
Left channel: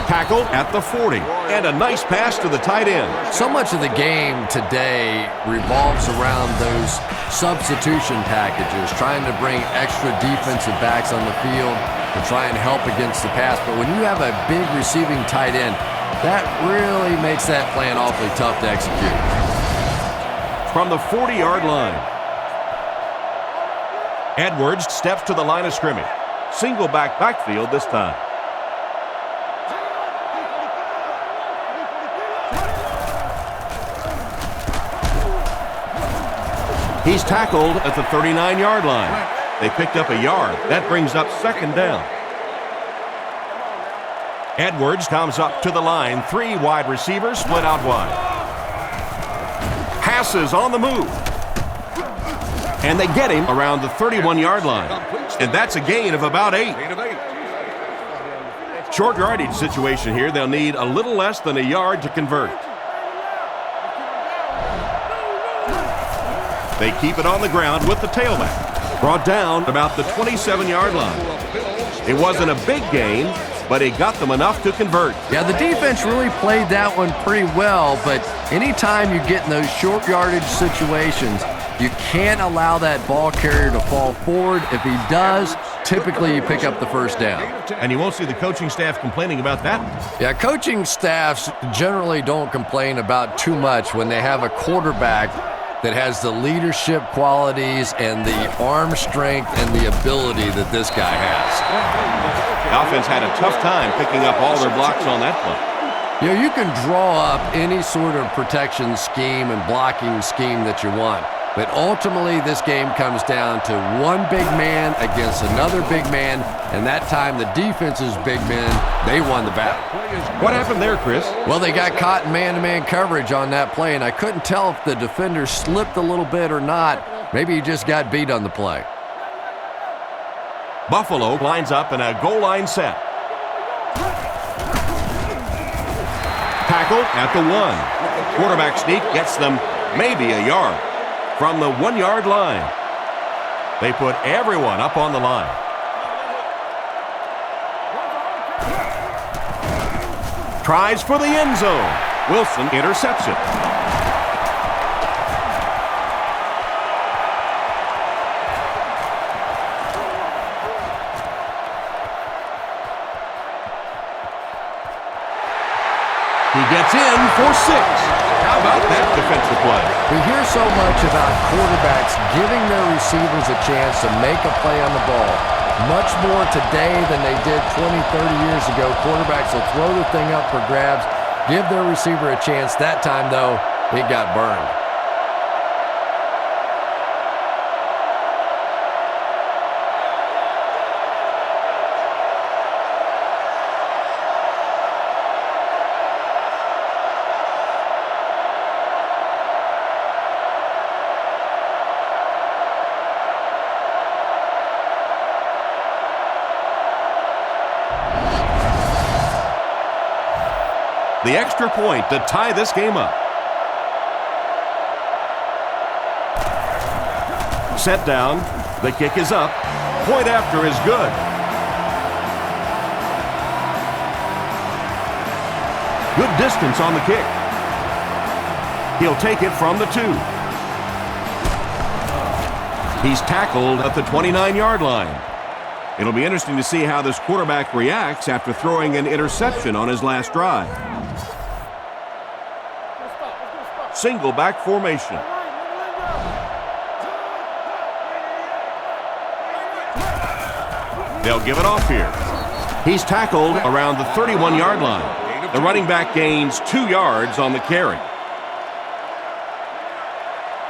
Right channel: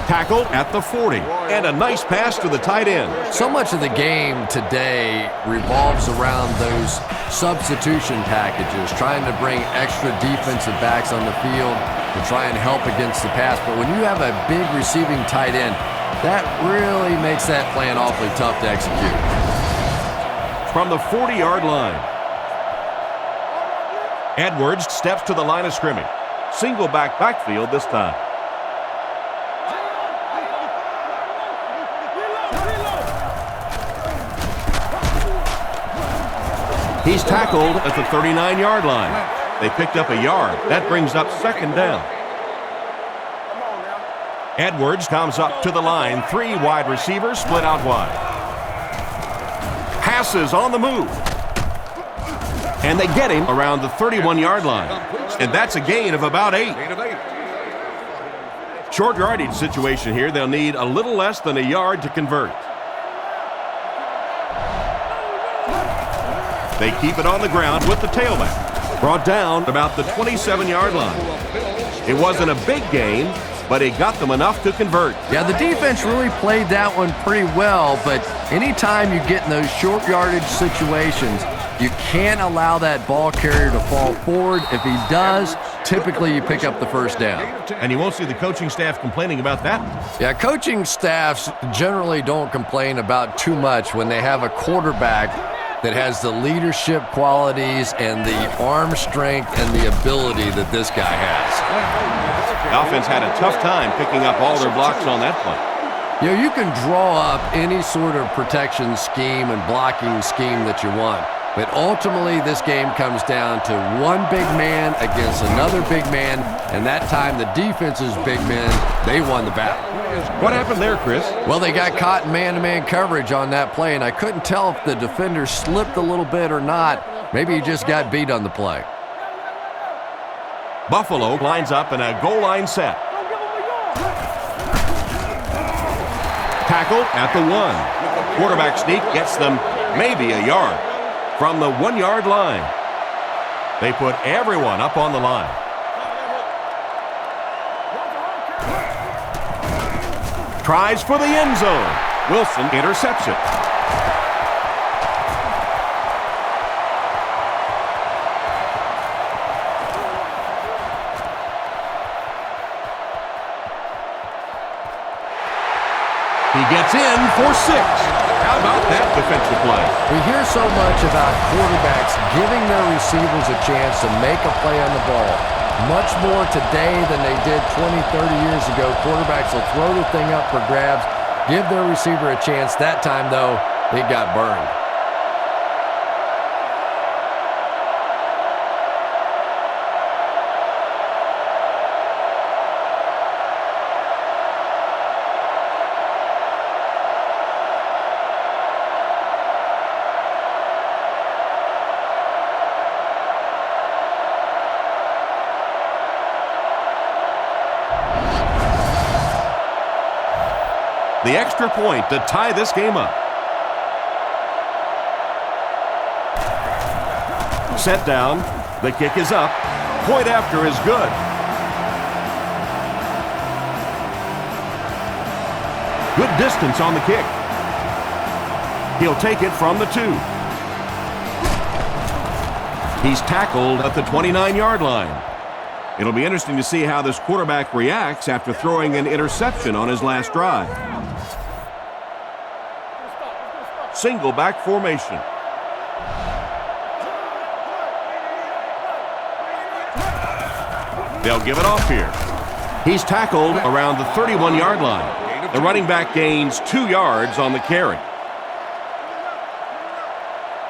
Tackled at the 40. And a nice pass to the tight end. So much of the game today revolves around those substitution packages, trying to bring extra defensive backs on the field to try and help against the pass. But when you have a big receiving tight end, that really makes that plan awfully tough to execute. From the 40-yard line. Edwards steps to the line of scrimmage. Single backfield this time. He's tackled at the 39-yard line. They picked up a yard. That brings up 2nd down. Edwards comes up to the line. 3 wide receivers split out wide. Passes on the move. And they get him around the 31-yard line. And that's a gain of about 8. Short yardage situation here. They'll need a little less than a yard to convert. They keep it on the ground with the tailback. Brought down about the 27-yard line. It wasn't a big gain, but it got them enough to convert. Yeah, the defense really played that one pretty well, but anytime you get in those short yardage situations, you can't allow that ball carrier to fall forward. If he does, typically you pick up the 1st down. And you won't see the coaching staff complaining about that. Yeah, coaching staffs generally don't complain about too much when they have a quarterback that has the leadership qualities and the arm strength and the ability that this guy has. The offense had a tough time picking up all their blocks on that play. You know, you can draw up any sort of protection scheme and blocking scheme that you want, but ultimately this game comes down to one big man against another big man, and that time the defense's big men, they won the battle. What happened there, Chris? Well, they got caught in man-to-man coverage on that play, and I couldn't tell if the defender slipped a little bit or not. Maybe he just got beat on the play. Buffalo lines up in a goal line set. Tackled at the 1. Quarterback sneak gets them maybe a yard from the 1-yard line. They put everyone up on the line. Tries for the end zone. Wilson intercepts it. He gets in for 6. How about that defensive play? We hear so much about quarterbacks giving their receivers a chance to make a play on the ball. Much more today than they did 20, 30 years ago. Quarterbacks will throw the thing up for grabs, give their receiver a chance. That time, though, it got burned. The extra point to tie this game up. Set down. The kick is up. Point after is good. Good distance on the kick. He'll take it from the 2. He's tackled at the 29-yard line. It'll be interesting to see how this quarterback reacts after throwing an interception on his last drive. Single back formation. They'll give it off here. He's tackled around the 31-yard line. The running back gains 2 yards on the carry.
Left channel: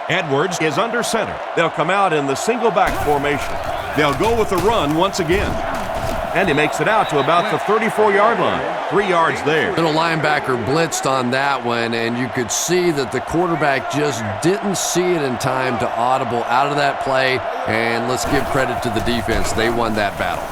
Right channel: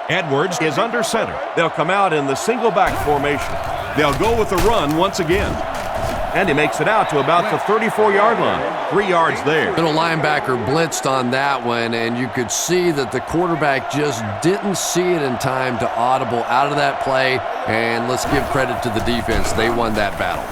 Edwards is under center. They'll come out in the single back formation. They'll go with the run once again. And he makes it out to about the 34-yard line. 3 yards there. Middle linebacker blitzed on that one, and you could see that the quarterback just didn't see it in time to audible out of that play. And let's give credit to the defense. They won that battle.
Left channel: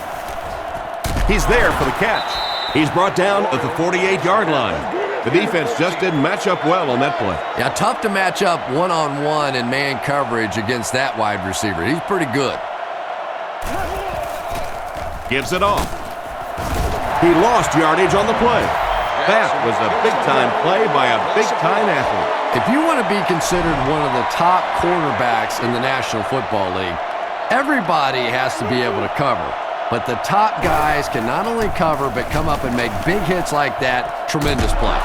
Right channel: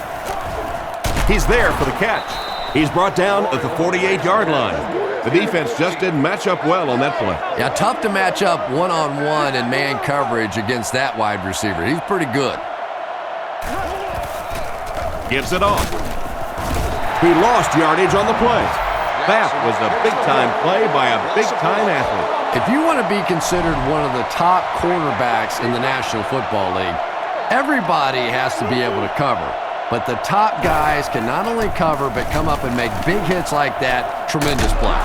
He's there for the catch. He's brought down at the 48-yard line. The defense just didn't match up well on that play. Yeah, tough to match up one-on-one in man coverage against that wide receiver. He's pretty good. Gives it off. He lost yardage on the play. That was a big-time play by a big-time athlete. If you want to be considered one of the top quarterbacks in the National Football League, everybody has to be able to cover. But the top guys can not only cover, but come up and make big hits like that. Tremendous play.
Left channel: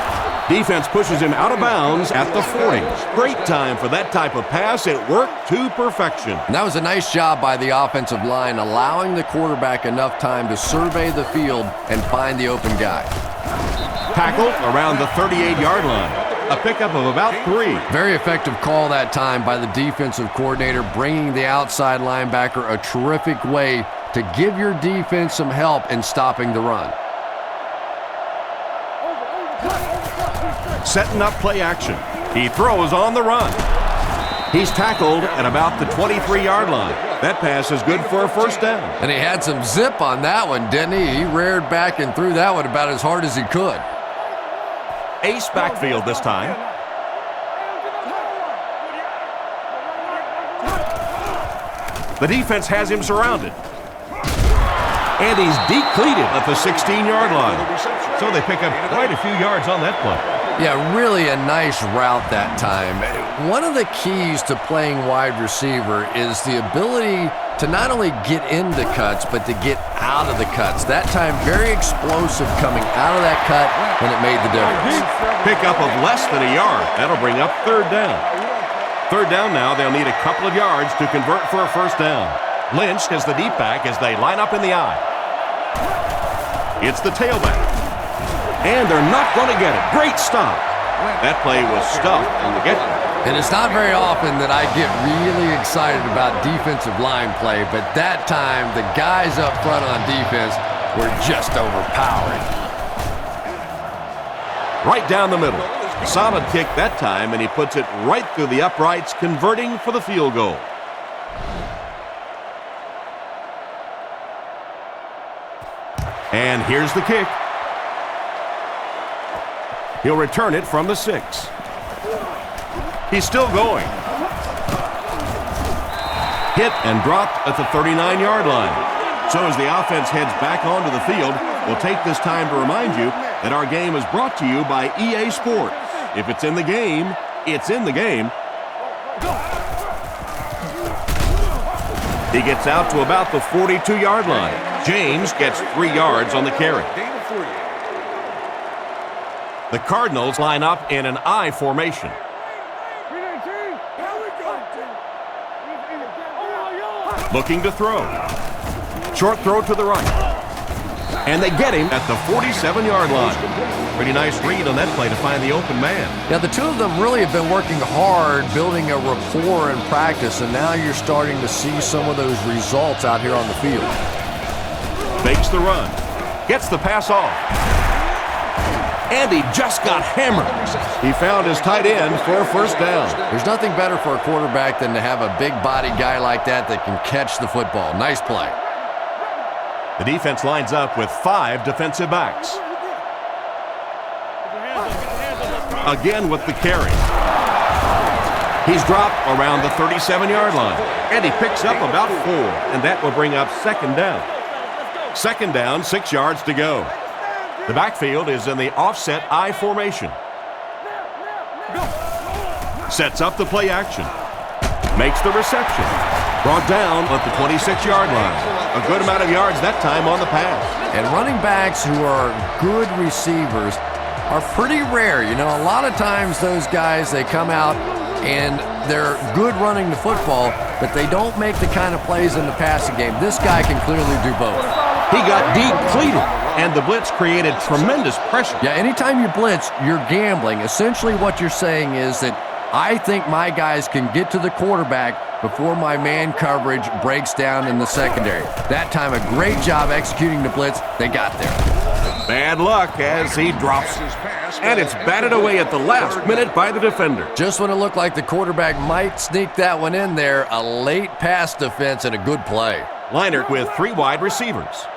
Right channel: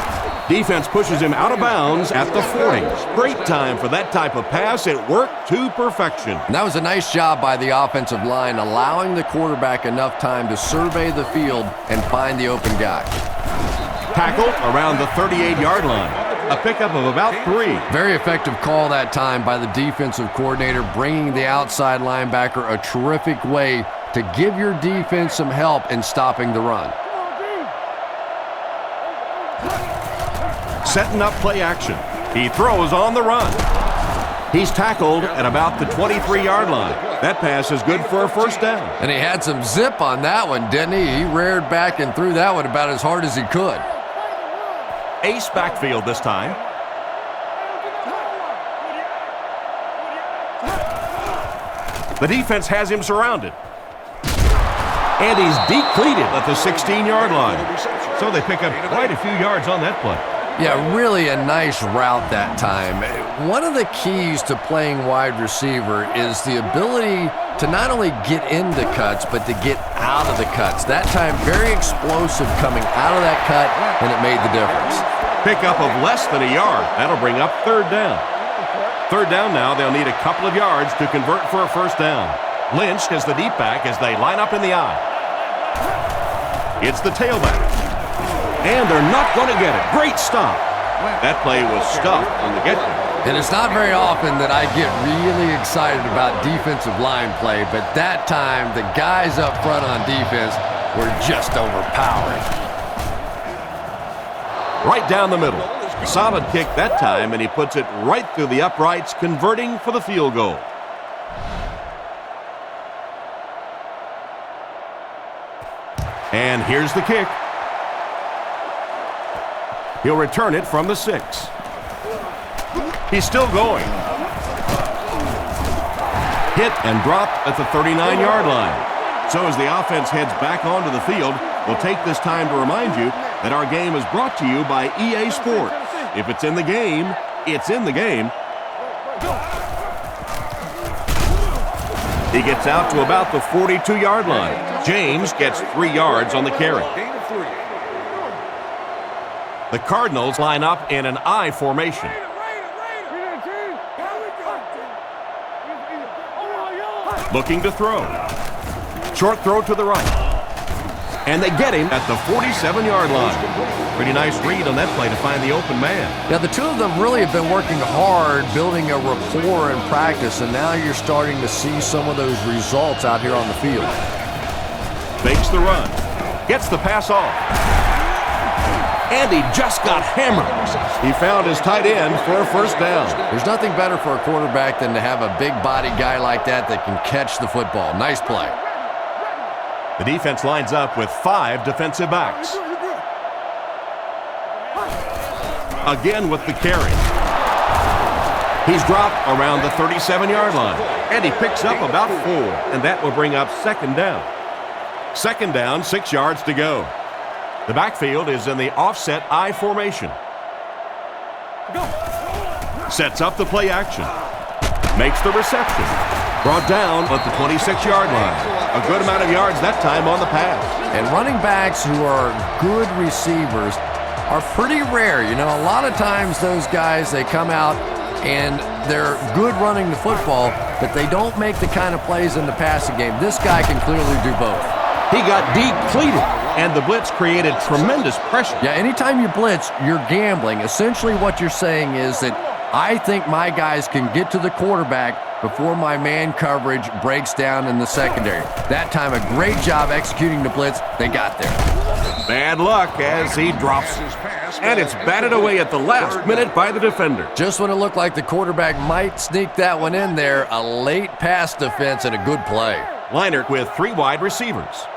Defense pushes him out of bounds at the 40. Great time for that type of pass. It worked to perfection. And that was a nice job by the offensive line, allowing the quarterback enough time to survey the field and find the open guy. Tackled around the 38-yard line. A pickup of about 3. Very effective call that time by the defensive coordinator, bringing the outside linebacker a terrific way to give your defense some help in stopping the run. Setting up play action. He throws on the run. He's tackled at about the 23-yard line. That pass is good for a first down. And he had some zip on that one, didn't he? He reared back and threw that one about as hard as he could. Ace backfield this time. The defense has him surrounded. And he's decleated at the 16-yard line. So they pick up quite a few yards on that play. Yeah, really a nice route that time. One of the keys to playing wide receiver is the ability to not only get into cuts, but to get out of the cuts. That time, very explosive coming out of that cut, and it made the difference. Pickup of less than a yard. That'll bring up third down. Third down now, they'll need a couple of yards to convert for a first down. Lynch is the deep back as they line up in the I. It's the tailback. And they're not going to get it. Great stop. That play was stuffed from the get-go. And it's not very often that I get really excited about defensive line play, but that time the guys up front on defense were just overpowering. Right down the middle. Solid kick that time, and he puts it right through the uprights, converting for the field goal. And here's the kick. He'll return it from the 6. He's still going. Hit and dropped at the 39-yard line. So as the offense heads back onto the field, we'll take this time to remind you that our game is brought to you by EA Sports. If it's in the game, it's in the game. He gets out to about the 42-yard line. James gets 3 yards on the carry. The Cardinals line up in an I formation. Looking to throw. Short throw to the right. And they get him at the 47-yard line. Pretty nice read on that play to find the open man. Yeah, the two of them really have been working hard, building a rapport in practice, and now you're starting to see some of those results out here on the field. Fakes the run. Gets the pass off. And he just got hammered. He found his tight end for a first down. There's nothing better for a quarterback than to have a big body guy like that can catch the football. Nice play. The defense lines up with 5 defensive backs. Again with the carry. He's dropped around the 37-yard line. And he picks up about 4. And that will bring up second down. Second down, 6 yards to go. The backfield is in the offset I formation. Sets up the play action. Makes the reception. Brought down at the 26-yard line. A good amount of yards that time on the pass. And running backs who are good receivers are pretty rare. You know, a lot of times those guys, they come out and they're good running the football, but they don't make the kind of plays in the passing game. This guy can clearly do both. He got depleted, and the blitz created tremendous pressure. Yeah, anytime you blitz, you're gambling. Essentially what you're saying is that I think my guys can get to the quarterback before my man coverage breaks down in the secondary. That time, a great job executing the blitz. They got there. Bad luck as he drops it. And it's batted away at the last minute by the defender. Just when it looked like the quarterback might sneak that one in there, a late pass defense and a good play. Leinart with 3 wide receivers.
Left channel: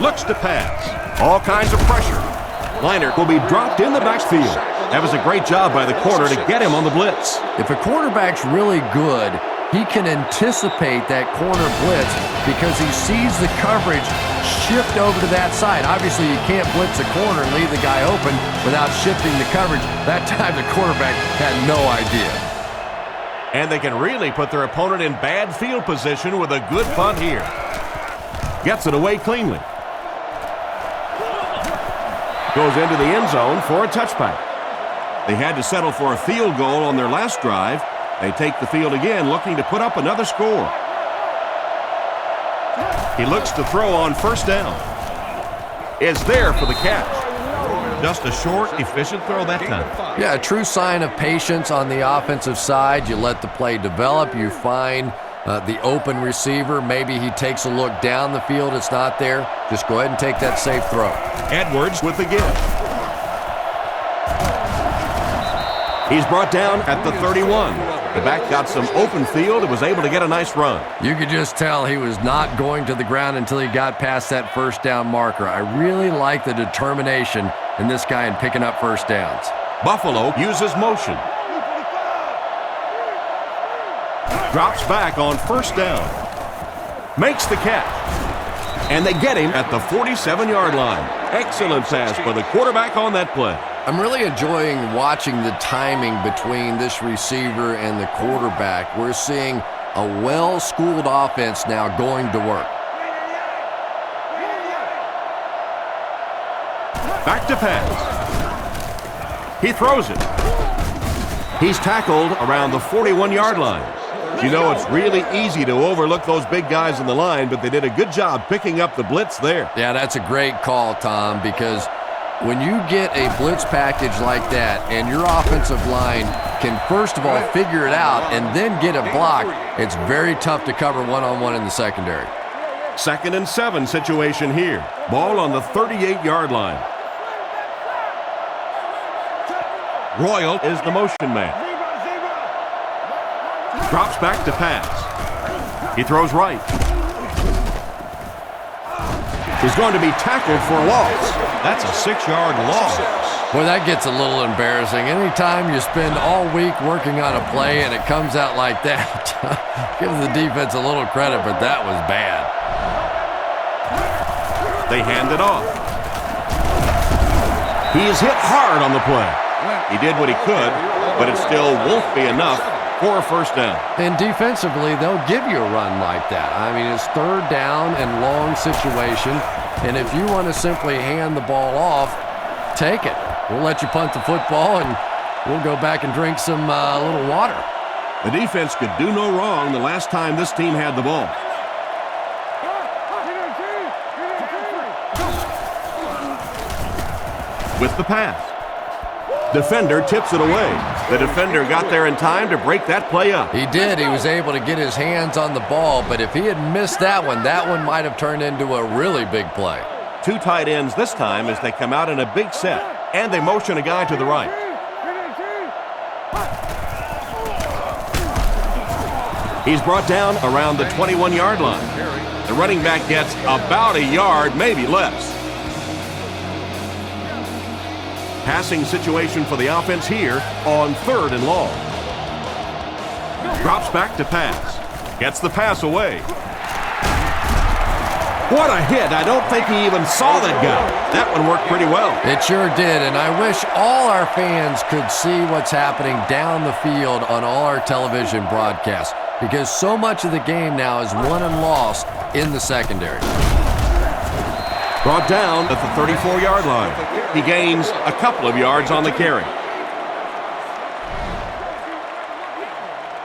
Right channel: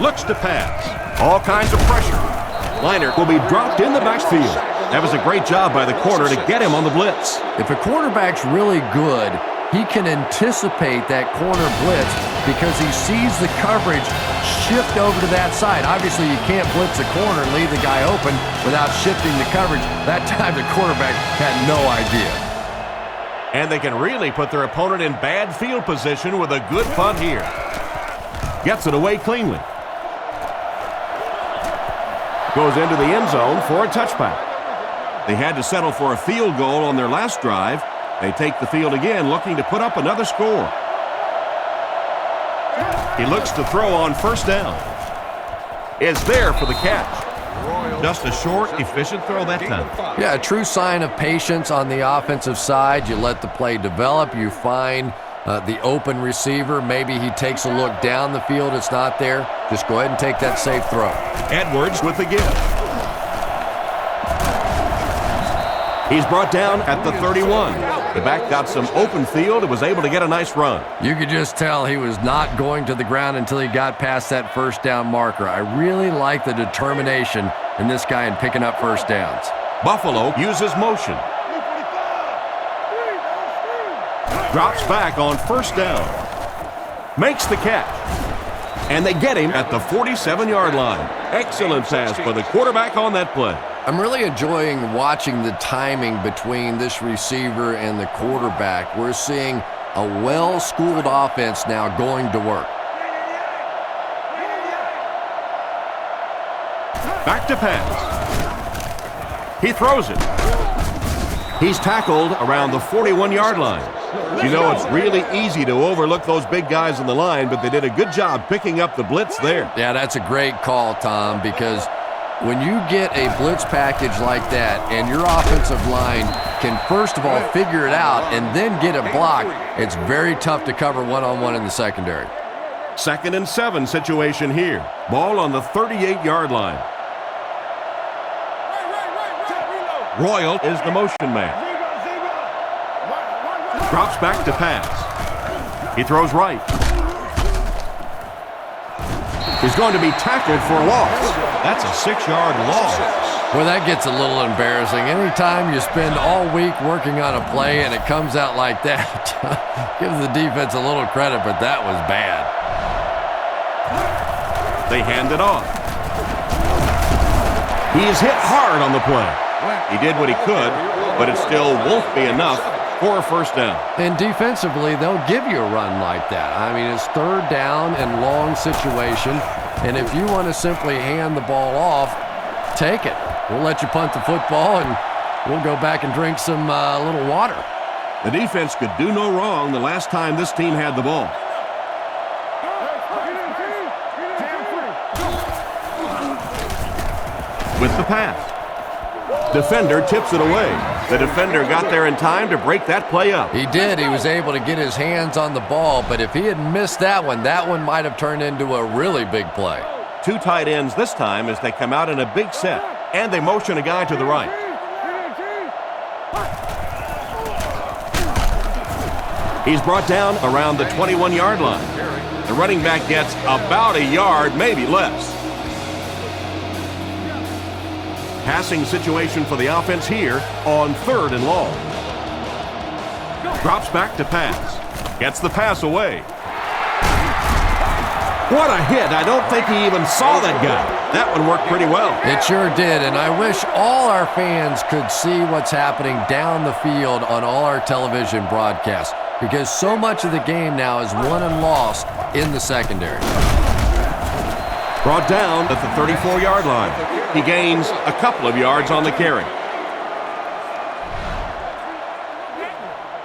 Looks to pass. All kinds of pressure. Leinart will be dropped in the backfield. That was a great job by the corner to get him on the blitz. If a quarterback's really good, he can anticipate that corner blitz because he sees the coverage shift over to that side. Obviously, you can't blitz a corner and leave the guy open without shifting the coverage. That time, the quarterback had no idea. And they can really put their opponent in bad field position with a good punt here. Gets it away cleanly. Goes into the end zone for a touchback. They had to settle for a field goal on their last drive. They take the field again, looking to put up another score. He looks to throw on first down. Is there for the catch. Just a short, efficient throw that time. Yeah, a true sign of patience on the offensive side. You let the play develop. You find the open receiver. Maybe he takes a look down the field. It's not there. Just go ahead and take that safe throw. Edwards with the give. He's brought down at the 31. The back got some open field and was able to get a nice run. You could just tell he was not going to the ground until he got past that first down marker. I really like the determination in this guy in picking up first downs. Buffalo uses motion. Drops back on first down. Makes the catch. And they get him at the 47-yard line. Excellent pass by the quarterback on that play. I'm really enjoying watching the timing between this receiver and the quarterback. We're seeing a well-schooled offense now going to work. Back to pass. He throws it. He's tackled around the 41-yard line. You know, it's really easy to overlook those big guys in the line, but they did a good job picking up the blitz there. Yeah, that's a great call, Tom, because when you get a blitz package like that and your offensive line can first of all figure it out and then get it blocked, it's very tough to cover one-on-one in the secondary. 2nd and 7 situation here. Ball on the 38-yard line. Royal is the motion man. Drops back to pass. He throws right. is going to be tackled for loss. That's a 6-yard loss. Boy, that gets a little embarrassing. Anytime you spend all week working on a play and it comes out like that, give the defense a little credit, but that was bad. They hand it off. He's hit hard on the play. He did what he could, but it still won't be enough for a first down. And defensively, they'll give you a run like that. I mean, it's third down and long situation, and if you want to simply hand the ball off, take it. We'll let you punt the football, and we'll go back and drink some little water. The defense could do no wrong the last time this team had the ball. With the pass. Defender tips it away. The defender got there in time to break that play up. He did. He was able to get his hands on the ball, but if he had missed that one might have turned into a really big play. 2 tight ends this time as they come out in a big set, and they motion a guy to the right. He's brought down around the 21-yard line. The running back gets about a yard, maybe less. Passing situation for the offense here on 3rd and long. Drops back to pass. Gets the pass away. What a hit. I don't think he even saw that guy. That one worked pretty well. It sure did, and I wish all our fans could see what's happening down the field on all our television broadcasts, because so much of the game now is won and lost in the secondary. Brought down at the 34-yard line. He gains a couple of yards on the carry.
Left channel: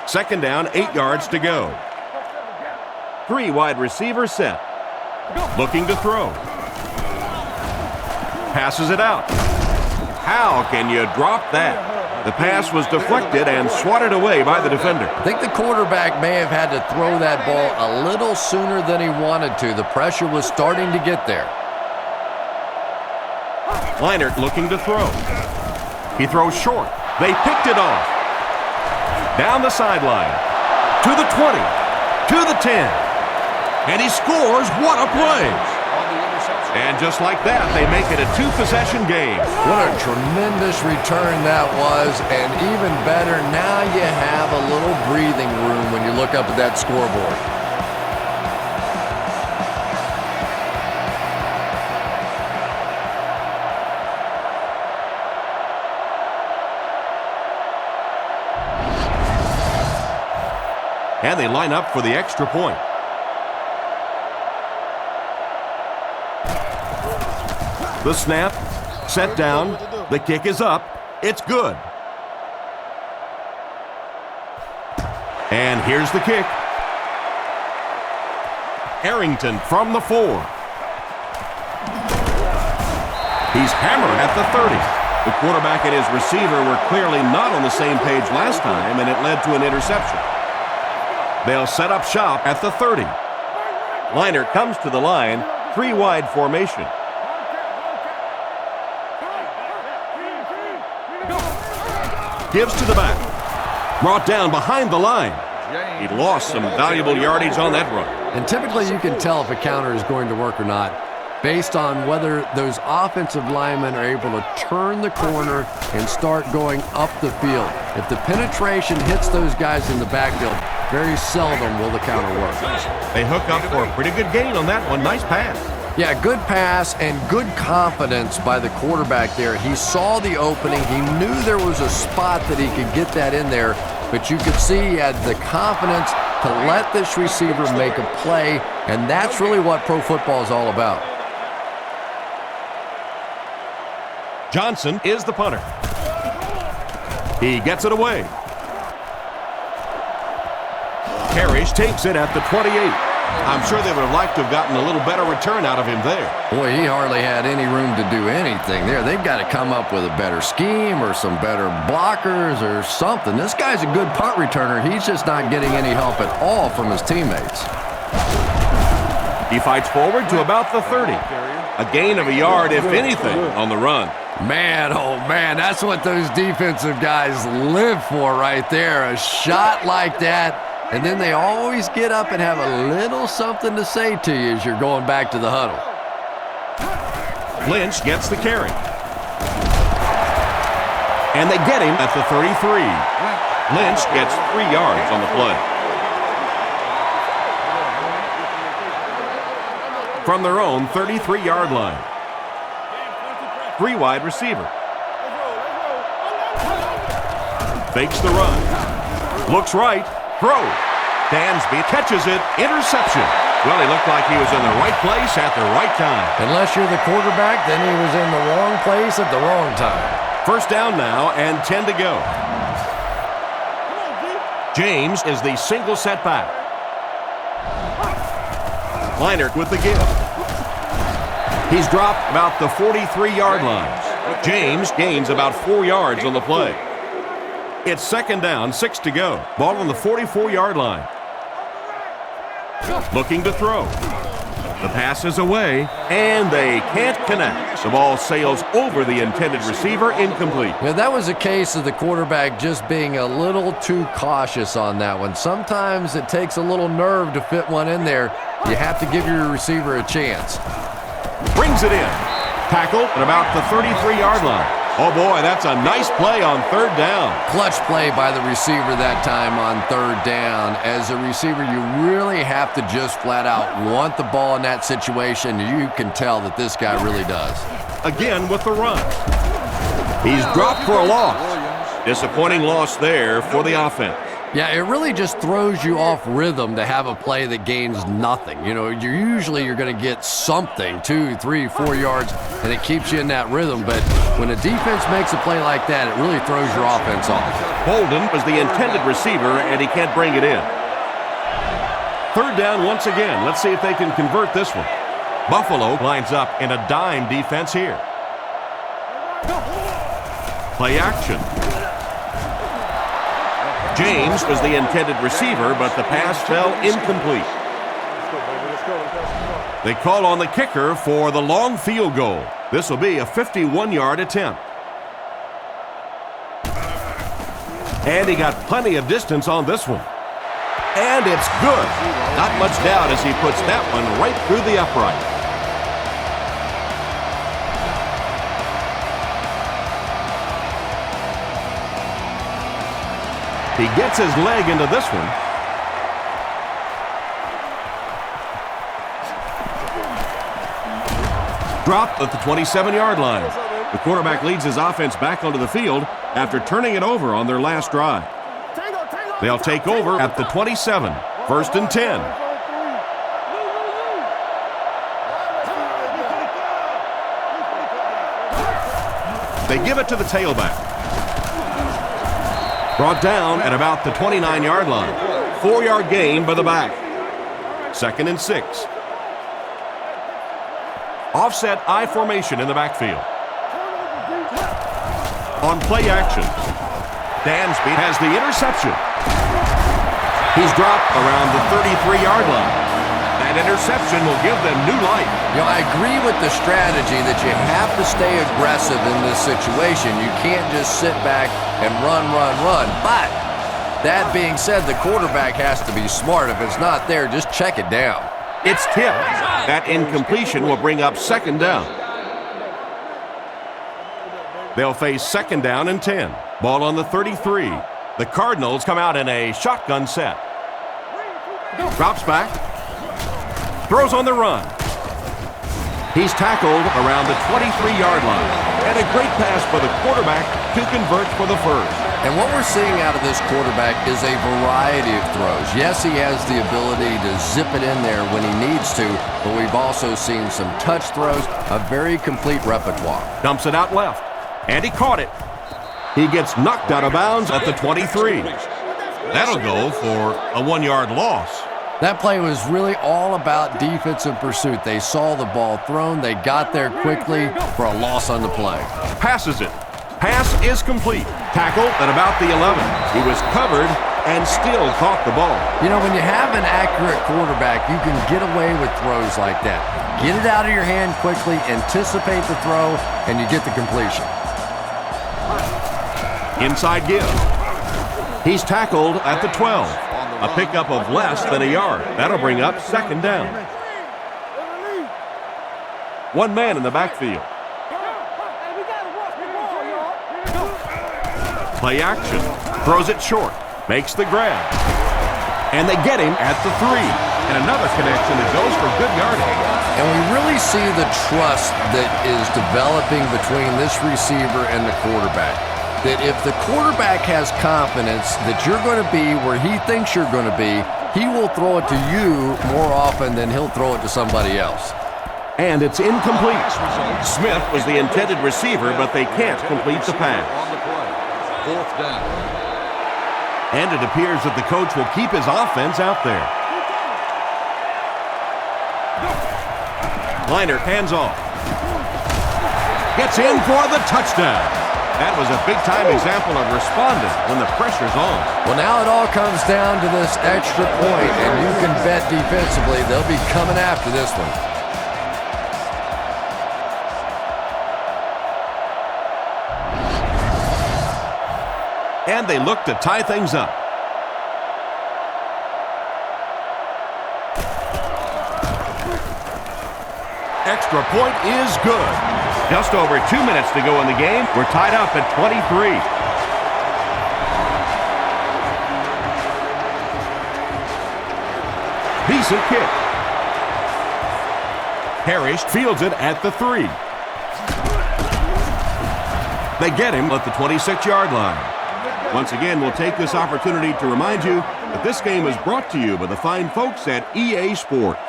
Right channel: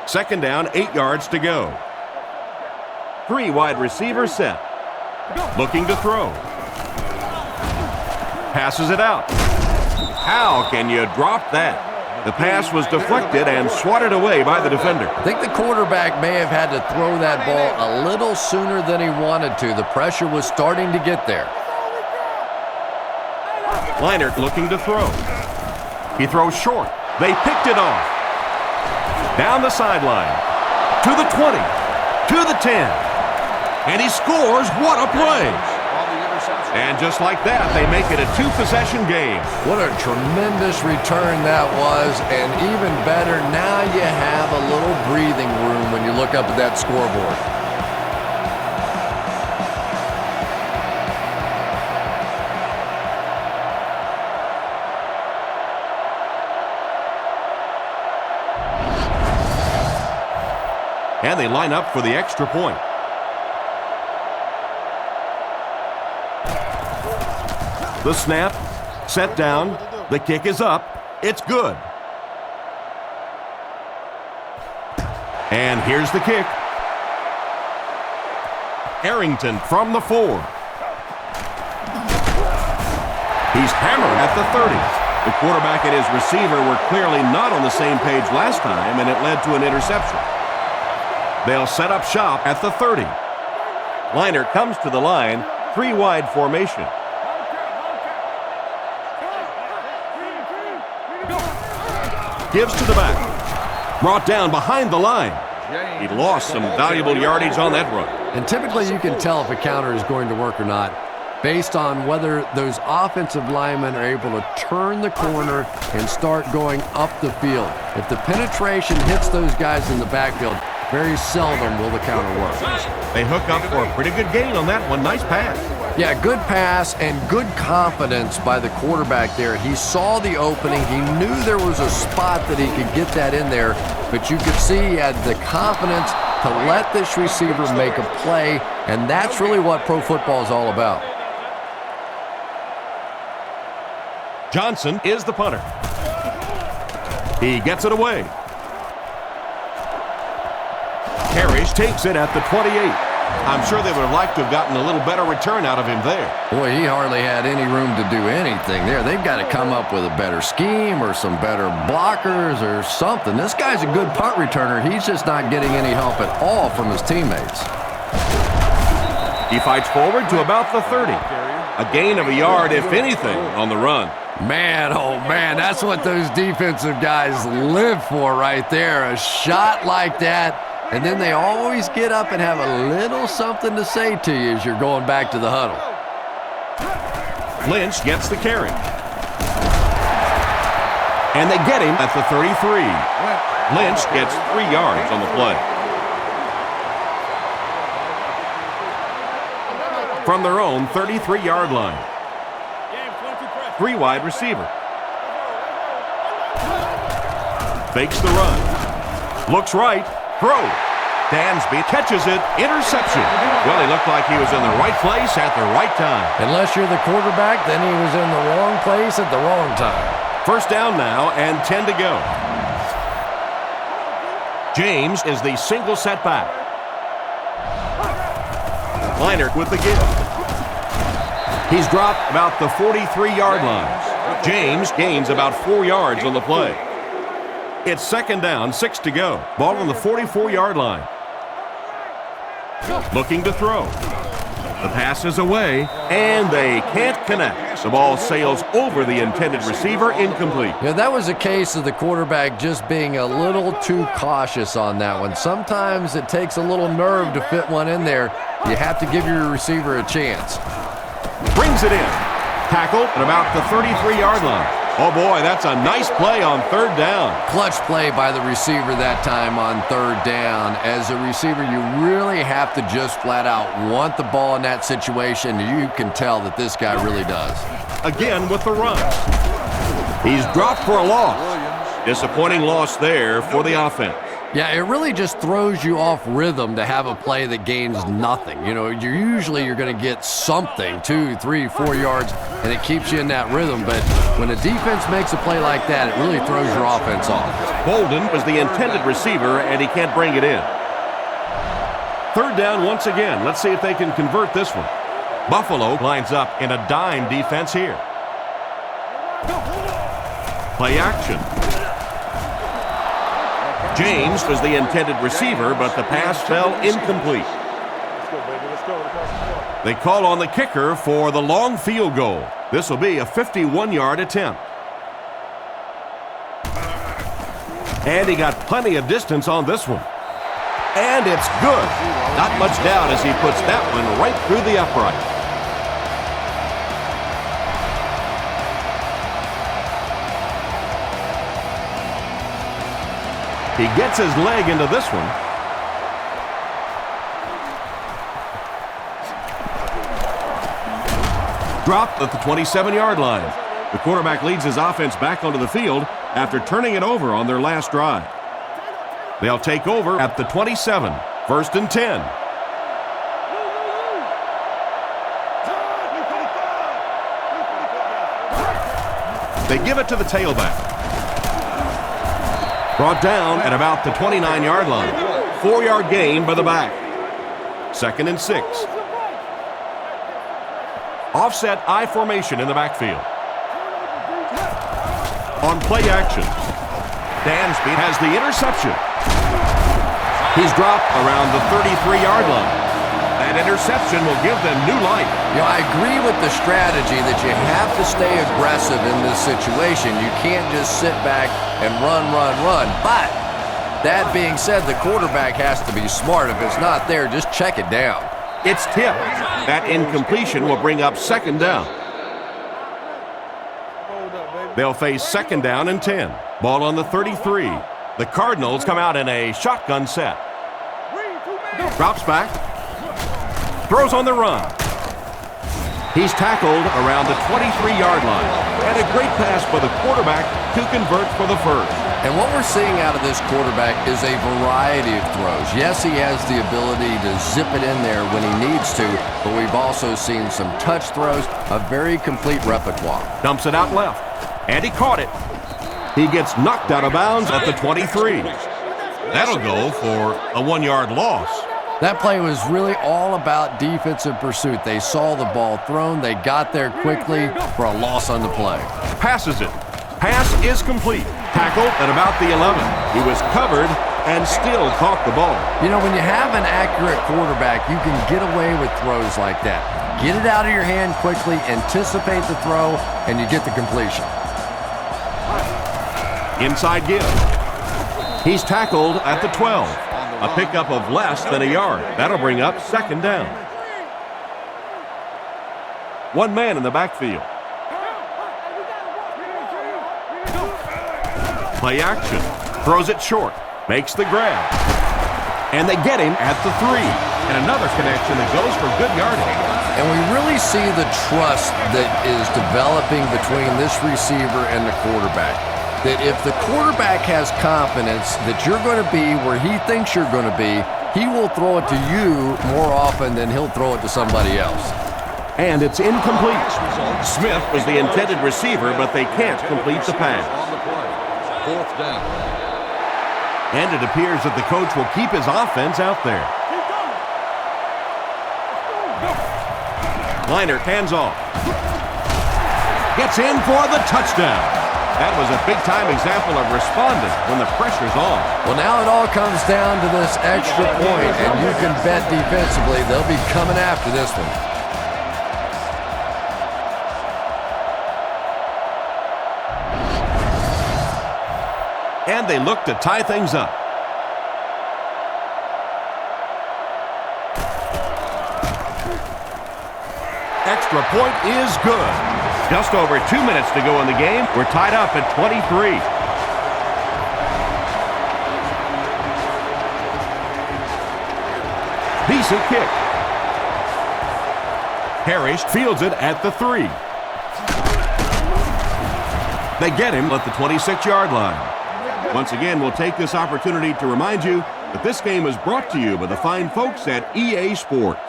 2nd down, 8 yards to go. 3 wide receivers set. Looking to throw. Passes it out. How can you drop that? The pass was deflected and swatted away by the defender. I think the quarterback may have had to throw that ball a little sooner than he wanted to. The pressure was starting to get there. Leinart looking to throw. He throws short. They picked it off. Down the sideline. To the 20. To the 10. And he scores. What a play. And just like that, they make it a 2-possession game. What a tremendous return that was. And even better, now you have a little breathing room when you look up at that scoreboard. And they line up for the extra point. The snap, set down, the kick is up, it's good. And here's the kick. Arrington from the 4. He's hammered at the 30. The quarterback and his receiver were clearly not on the same page last time, and it led to an interception. They'll set up shop at the 30. Leinart comes to the line, 3-wide formation. Gives to the back. Brought down behind the line. He lost some valuable yardage on that run. And typically you can tell if a counter is going to work or not based on whether those offensive linemen are able to turn the corner and start going up the field. If the penetration hits those guys in the backfield, very seldom will the counter work. They hook up for a pretty good gain on that one. Nice pass. Yeah, good pass and good confidence by the quarterback there. He saw the opening. He knew there was a spot that he could get that in there, but you could see he had the confidence to let this receiver make a play, and that's really what pro football is all about. Johnson is the punter. He gets it away. Parrish takes it at the 28. I'm sure they would have liked to have gotten a little better return out of him there. Boy, he hardly had any room to do anything there. They've got to come up with a better scheme or some better blockers or something. This guy's a good punt returner. He's just not getting any help at all from his teammates. He fights forward to about the 30. A gain of a yard, if anything, on the run. Man, oh man, that's what those defensive guys live for right there. A shot like that. And then they always get up and have a little something to say to you as you're going back to the huddle. Lynch gets the carry. And they get him at the 33. Lynch gets 3 yards on the play. From their own 33-yard line. 3 wide receiver. Fakes the run. Looks right. Throw. Dansby catches it. Interception. Well, he looked like he was in the right place at the right time. Unless you're the quarterback, then he was in the wrong place at the wrong time. First down now and 10 to go. James is the single setback. Leinart with the give. He's dropped about the 43-yard line. James gains about 4 yards on the play. It's second down, 6 to go. Ball on the 44-yard line. Looking to throw. The pass is away, and they can't connect. The ball sails over the intended receiver, incomplete. Yeah, that was a case of the quarterback just being a little too cautious on that one. Sometimes it takes a little nerve to fit one in there. You have to give your receiver a chance. Brings it in. Tackled at about the 33-yard line. Oh, boy, that's a nice play on third down. Clutch play by the receiver that time on third down. As a receiver, you really have to just flat out want the ball in that situation. You can tell that this guy really does. Again with the run. He's dropped for a loss. Disappointing loss there for the offense. Yeah, it really just throws you off rhythm to have a play that gains nothing. You know, you're going to get something, 2, 3, 4 yards, and it keeps you in that rhythm. But when a defense makes a play like that, it really throws your offense off. Bolden was the intended receiver, and he can't bring it in. Third down once again. Let's see if they can convert this one. Buffalo lines up in a dime defense here. Play action. James was the intended receiver, but the pass fell incomplete. Let's go, baby. Let's go. They call on the kicker for the long field goal. This will be a 51-yard attempt. And he got plenty of distance on this one. And it's good. Not much doubt as he puts that one right through the upright. He gets his leg into this one. Dropped at the 27-yard line. The quarterback leads his offense back onto the field after turning it over on their last drive. They'll take over at the 27. First and 10. They give it to the tailback. Brought down at about the 29-yard line. 4-yard gain by the back. Second and 6. Offset I formation in the backfield. On play action, Dansby has the interception. He's dropped around the 33-yard line. That interception will give them new life. You know, I agree with the strategy that you have to stay aggressive in this situation. You can't just sit back and run. But that being said, the quarterback has to be smart. If it's not there, just check it down. It's tipped. That incompletion will bring up second down. They'll face second down and 10. Ball on the 33. The Cardinals come out in a shotgun set. Drops back. Throws on the run. He's tackled around the 23-yard line. And a great pass by the quarterback to convert for the first. And what we're seeing out of this quarterback is a variety of throws. Yes, he has the ability to zip it in there when he needs to, but we've also seen some touch throws, a very complete repertoire. Dumps it out left, and he caught it. He gets knocked out of bounds at the 23. That'll go for a 1-yard loss. That play was really all about defensive pursuit. They saw the ball thrown, they got there quickly for a loss on the play. Passes it. Pass is complete. Tackled at about the 11. He was covered and still caught the ball. You know, when you have an accurate quarterback, you can get away with throws like that. Get it out of your hand quickly, anticipate the throw, and you get the completion. Inside give. He's tackled at the 12. A pickup of less than a yard. That'll bring up second down. One man in the backfield. Play action. Throws it short. Makes the grab. And they get him at the 3. And another connection that goes for good yardage. And we really see the trust that is developing between this receiver and the quarterback. That if the quarterback has confidence that you're going to be where he thinks you're going to be, he will throw it to you more often than he'll throw it to somebody else. And it's incomplete. Smith was the intended receiver, but they can't complete the pass. Fourth down. And it appears that the coach will keep his offense out there. Liner hands off. Gets in for the touchdown. That was a big-time example of responding when the pressure's on. Well, now it all comes down to this extra point, and you can bet defensively they'll be coming after this one. And they look to tie things up. Extra point is good. Just over 2 minutes to go in the game. We're tied up at 23. Decent kick. Parrish fields it at the 3. They get him at the 26-yard line. Once again, we'll take this opportunity to remind you that this game is brought to you by the fine folks at EA Sports.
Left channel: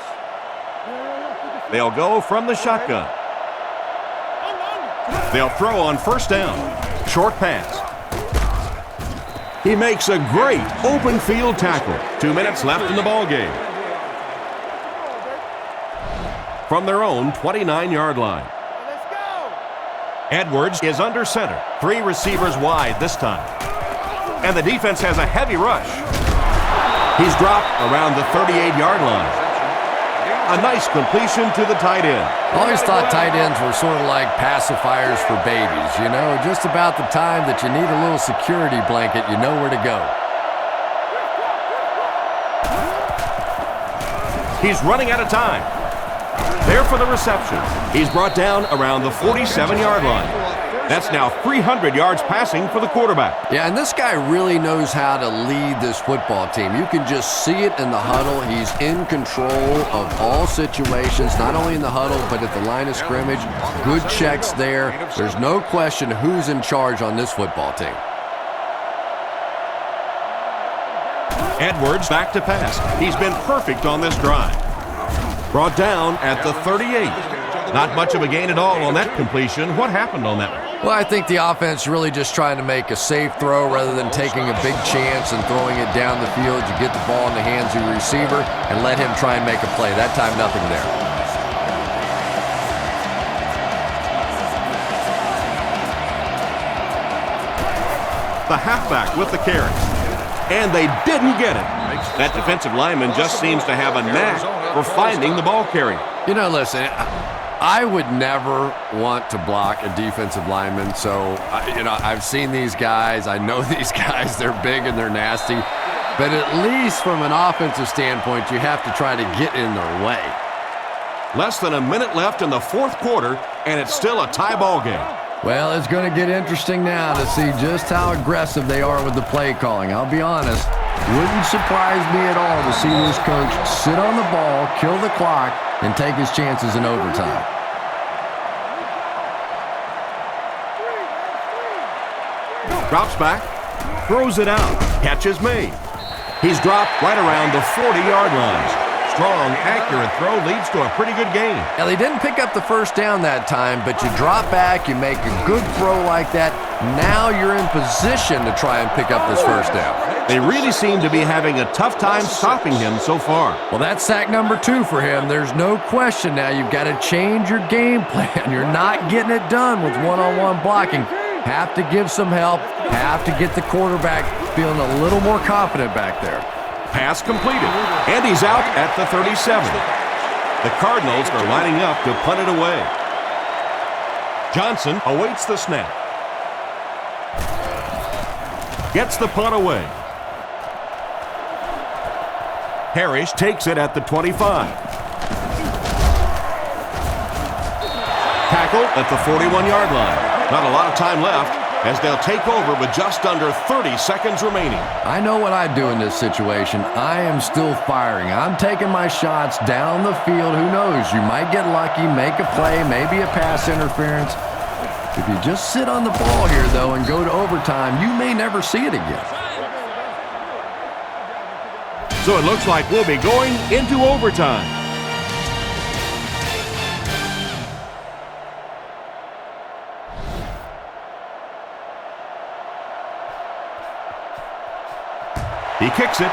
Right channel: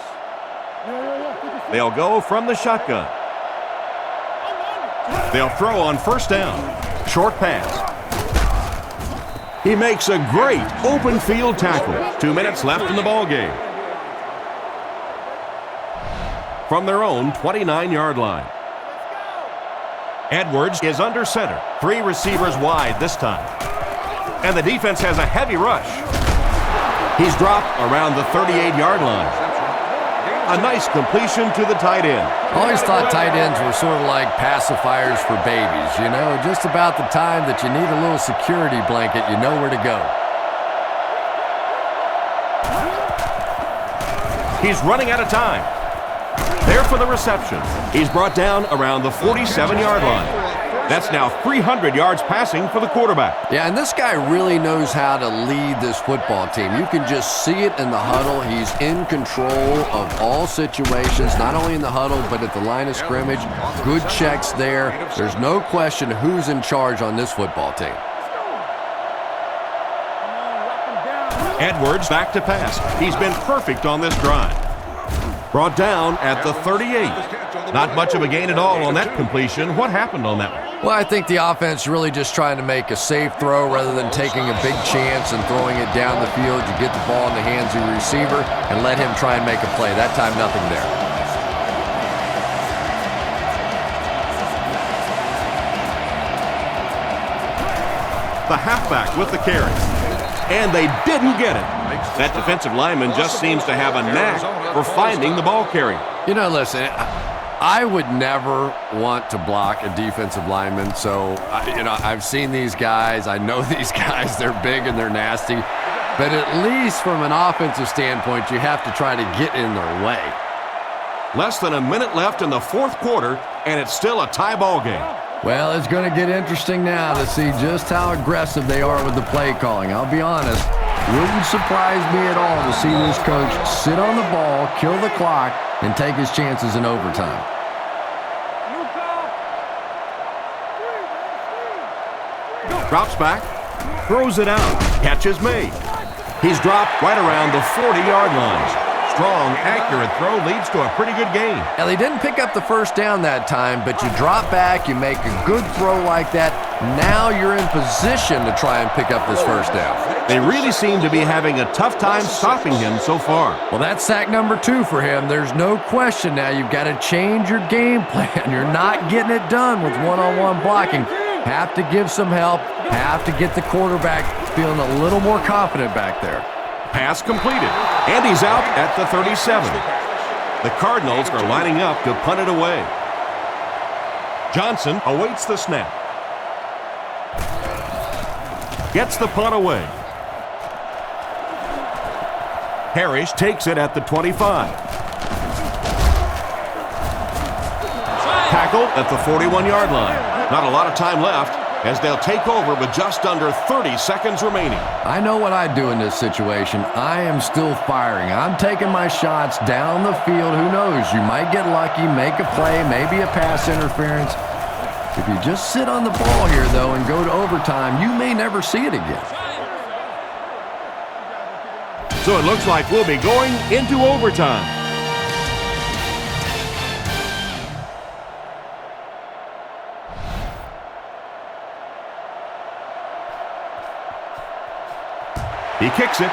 They'll go from the shotgun. They'll throw on first down. Short pass. He makes a great open field tackle. 2 minutes left in the ball game. From their own 29-yard line. Edwards is under center. 3 receivers wide this time. And the defense has a heavy rush. He's dropped around the 38-yard line. A nice completion to the tight end. I always thought tight ends were sort of like pacifiers for babies. You know, just about the time that you need a little security blanket, you know where to go. He's running out of time. There for the reception. He's brought down around the 47-yard line. That's now 300 yards passing for the quarterback. Yeah, and this guy really knows how to lead this football team. You can just see it in the huddle. He's in control of all situations, not only in the huddle, but at the line of scrimmage. Good checks there. There's no question who's in charge on this football team. Edwards back to pass. He's been perfect on this drive. Brought down at the 38. Not much of a gain at all on that completion. What happened on that one? Well, I think the offense really just trying to make a safe throw rather than taking a big chance and throwing it down the field. You get the ball in the hands of your receiver and let him try and make a play. That time, nothing there. The halfback with the carry. And they didn't get it. That defensive lineman just seems to have a knack for finding the ball carrier. You know, listen, I would never want to block a defensive lineman. So, I've seen these guys. I know these guys. They're big and they're nasty. But at least from an offensive standpoint, you have to try to get in their way. Less than a minute left in the fourth quarter, and it's still a tie ball game. Well, it's going to get interesting now to see just how aggressive they are with the play calling. I'll be honest, wouldn't surprise me at all to see this coach sit on the ball, kill the clock, and take his chances in overtime. Drops back, throws it out, catch is made. He's dropped right around the 40-yard line. Strong, accurate throw leads to a pretty good gain. Well, he didn't pick up the first down that time, but you drop back, you make a good throw like that. Now you're in position to try and pick up this first down. They really seem to be having a tough time stopping him so far. Well, that's sack number 2 for him. There's no question now. You've got to change your game plan. You're not getting it done with one-on-one blocking. Have to give some help. Have to get the quarterback feeling a little more confident back there. Pass completed, and he's out at the 37. The Cardinals are lining up to punt it away. Johnson awaits the snap. Gets the punt away. Parrish takes it at the 25. tackled at the 41-yard line. Not a lot of time left as they'll take over with just under 30 seconds remaining. I know what I'd do in this situation. I am still firing. I'm taking my shots down the field. Who knows? You might get lucky, make a play, maybe a pass interference. If you just sit on the ball here, though, and go to overtime, you may never see it again. So it looks like we'll be going into overtime. He kicks it.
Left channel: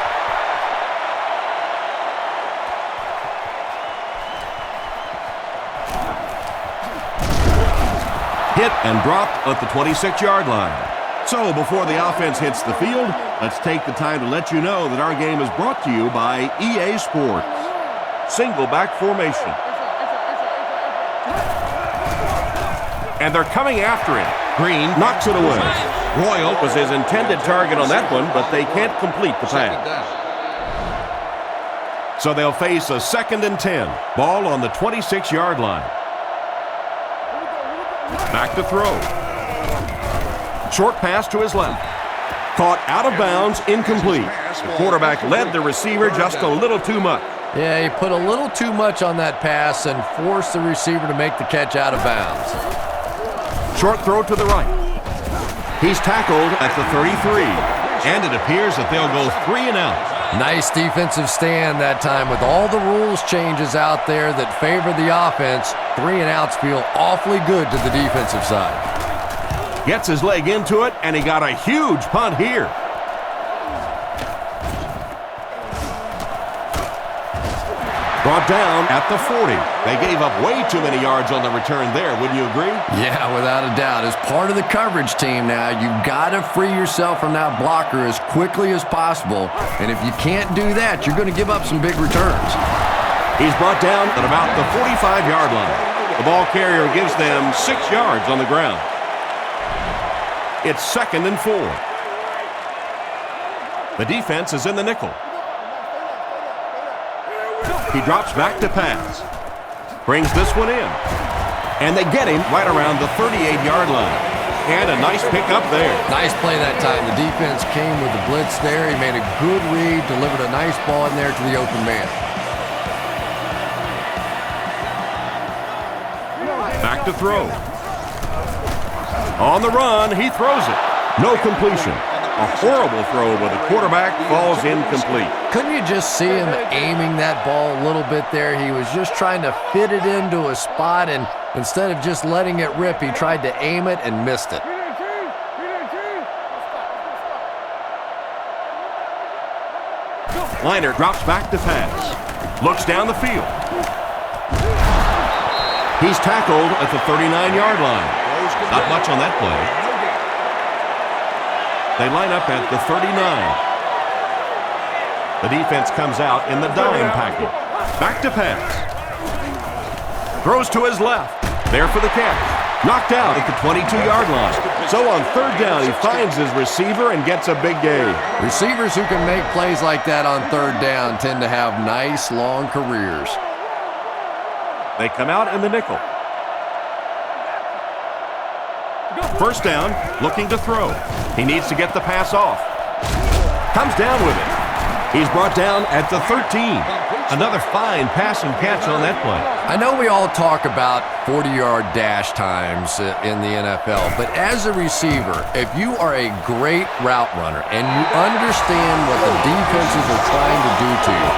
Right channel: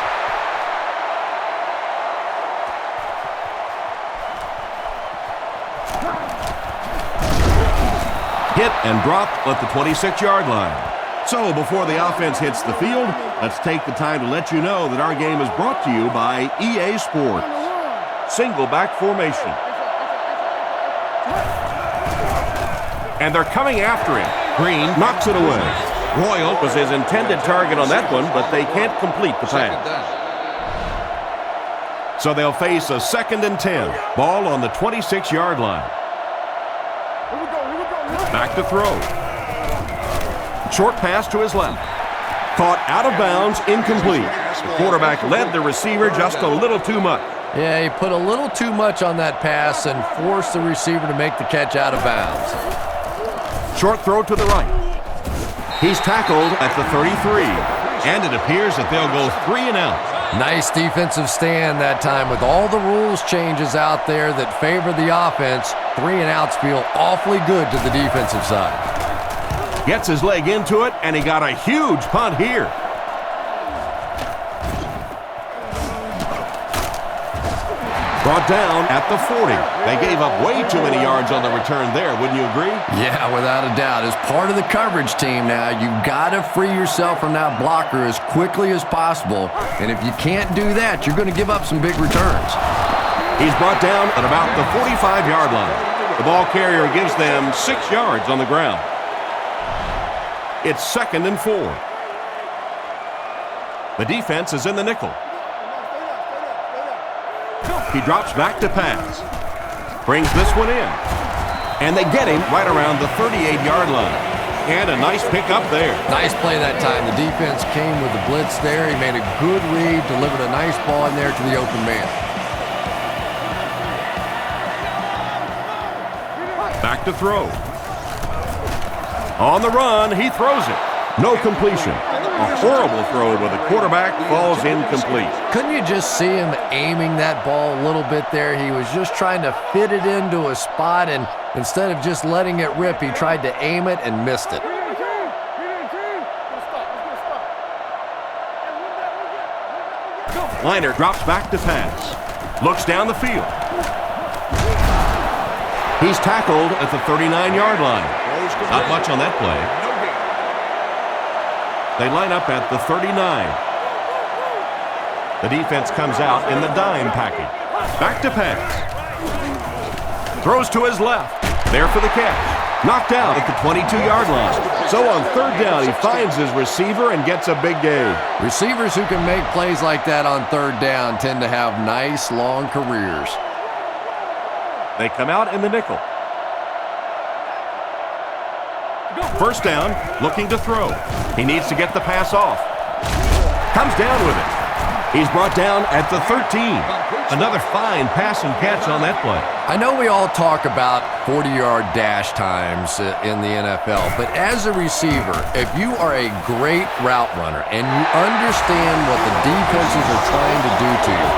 Hit and dropped at the 26-yard line. So before the offense hits the field, let's take the time to let you know that our game is brought to you by EA Sports. Single back formation. And they're coming after him. Green knocks it away. Royal was his intended target on that one, but they can't complete the pass. So they'll face a 2nd and 10. Ball on the 26-yard line. Back to throw. Short pass to his left. Caught out of bounds, incomplete. The quarterback led the receiver just a little too much. Yeah, he put a little too much on that pass and forced the receiver to make the catch out of bounds. Short throw to the right. He's tackled at the 33, and it appears that they'll go 3 and out. Nice defensive stand that time. With all the rules changes out there that favor the offense, 3 and outs feel awfully good to the defensive side. Gets his leg into it, and he got a huge punt here. Brought down at the 40. They gave up way too many yards on the return there, wouldn't you agree? Yeah, without a doubt. As part of the coverage team now, you've got to free yourself from that blocker as quickly as possible. And if you can't do that, you're going to give up some big returns. He's brought down at about the 45-yard line. The ball carrier gives them 6 yards on the ground. It's 2nd and 4. The defense is in the nickel. He drops back to pass. Brings this one in. And they get him right around the 38-yard line. And a nice pickup there. Nice play that time. The defense came with the blitz there. He made a good read, delivered a nice ball in there to the open man. Back to throw. On the run, he throws it. No completion. A horrible throw where the quarterback falls incomplete. Couldn't you just see him aiming that ball a little bit there? He was just trying to fit it into a spot, and instead of just letting it rip, he tried to aim it and missed it. Liner drops back to pass. Looks down the field. He's tackled at the 39-yard line. Not much on that play. They line up at the 39. The defense comes out in the dime package. Back to pass. Throws to his left. There for the catch. Knocked out at the 22-yard line. So on 3rd down, he finds his receiver and gets a big gain. Receivers who can make plays like that on 3rd down tend to have nice, long careers. They come out in the nickel. First down, looking to throw. He needs to get the pass off. Comes down with it. He's brought down at the 13. Another fine pass and catch on that play. I know we all talk about 40-yard dash times in the NFL, but as a receiver, if you are a great route runner and you understand what the defenses are trying to do to you,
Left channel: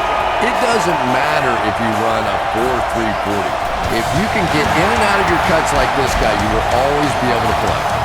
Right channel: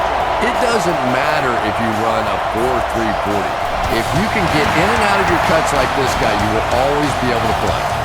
it doesn't matter if you run a 4.3 40. If you can get in and out of your cuts like this guy, you will always be able to play.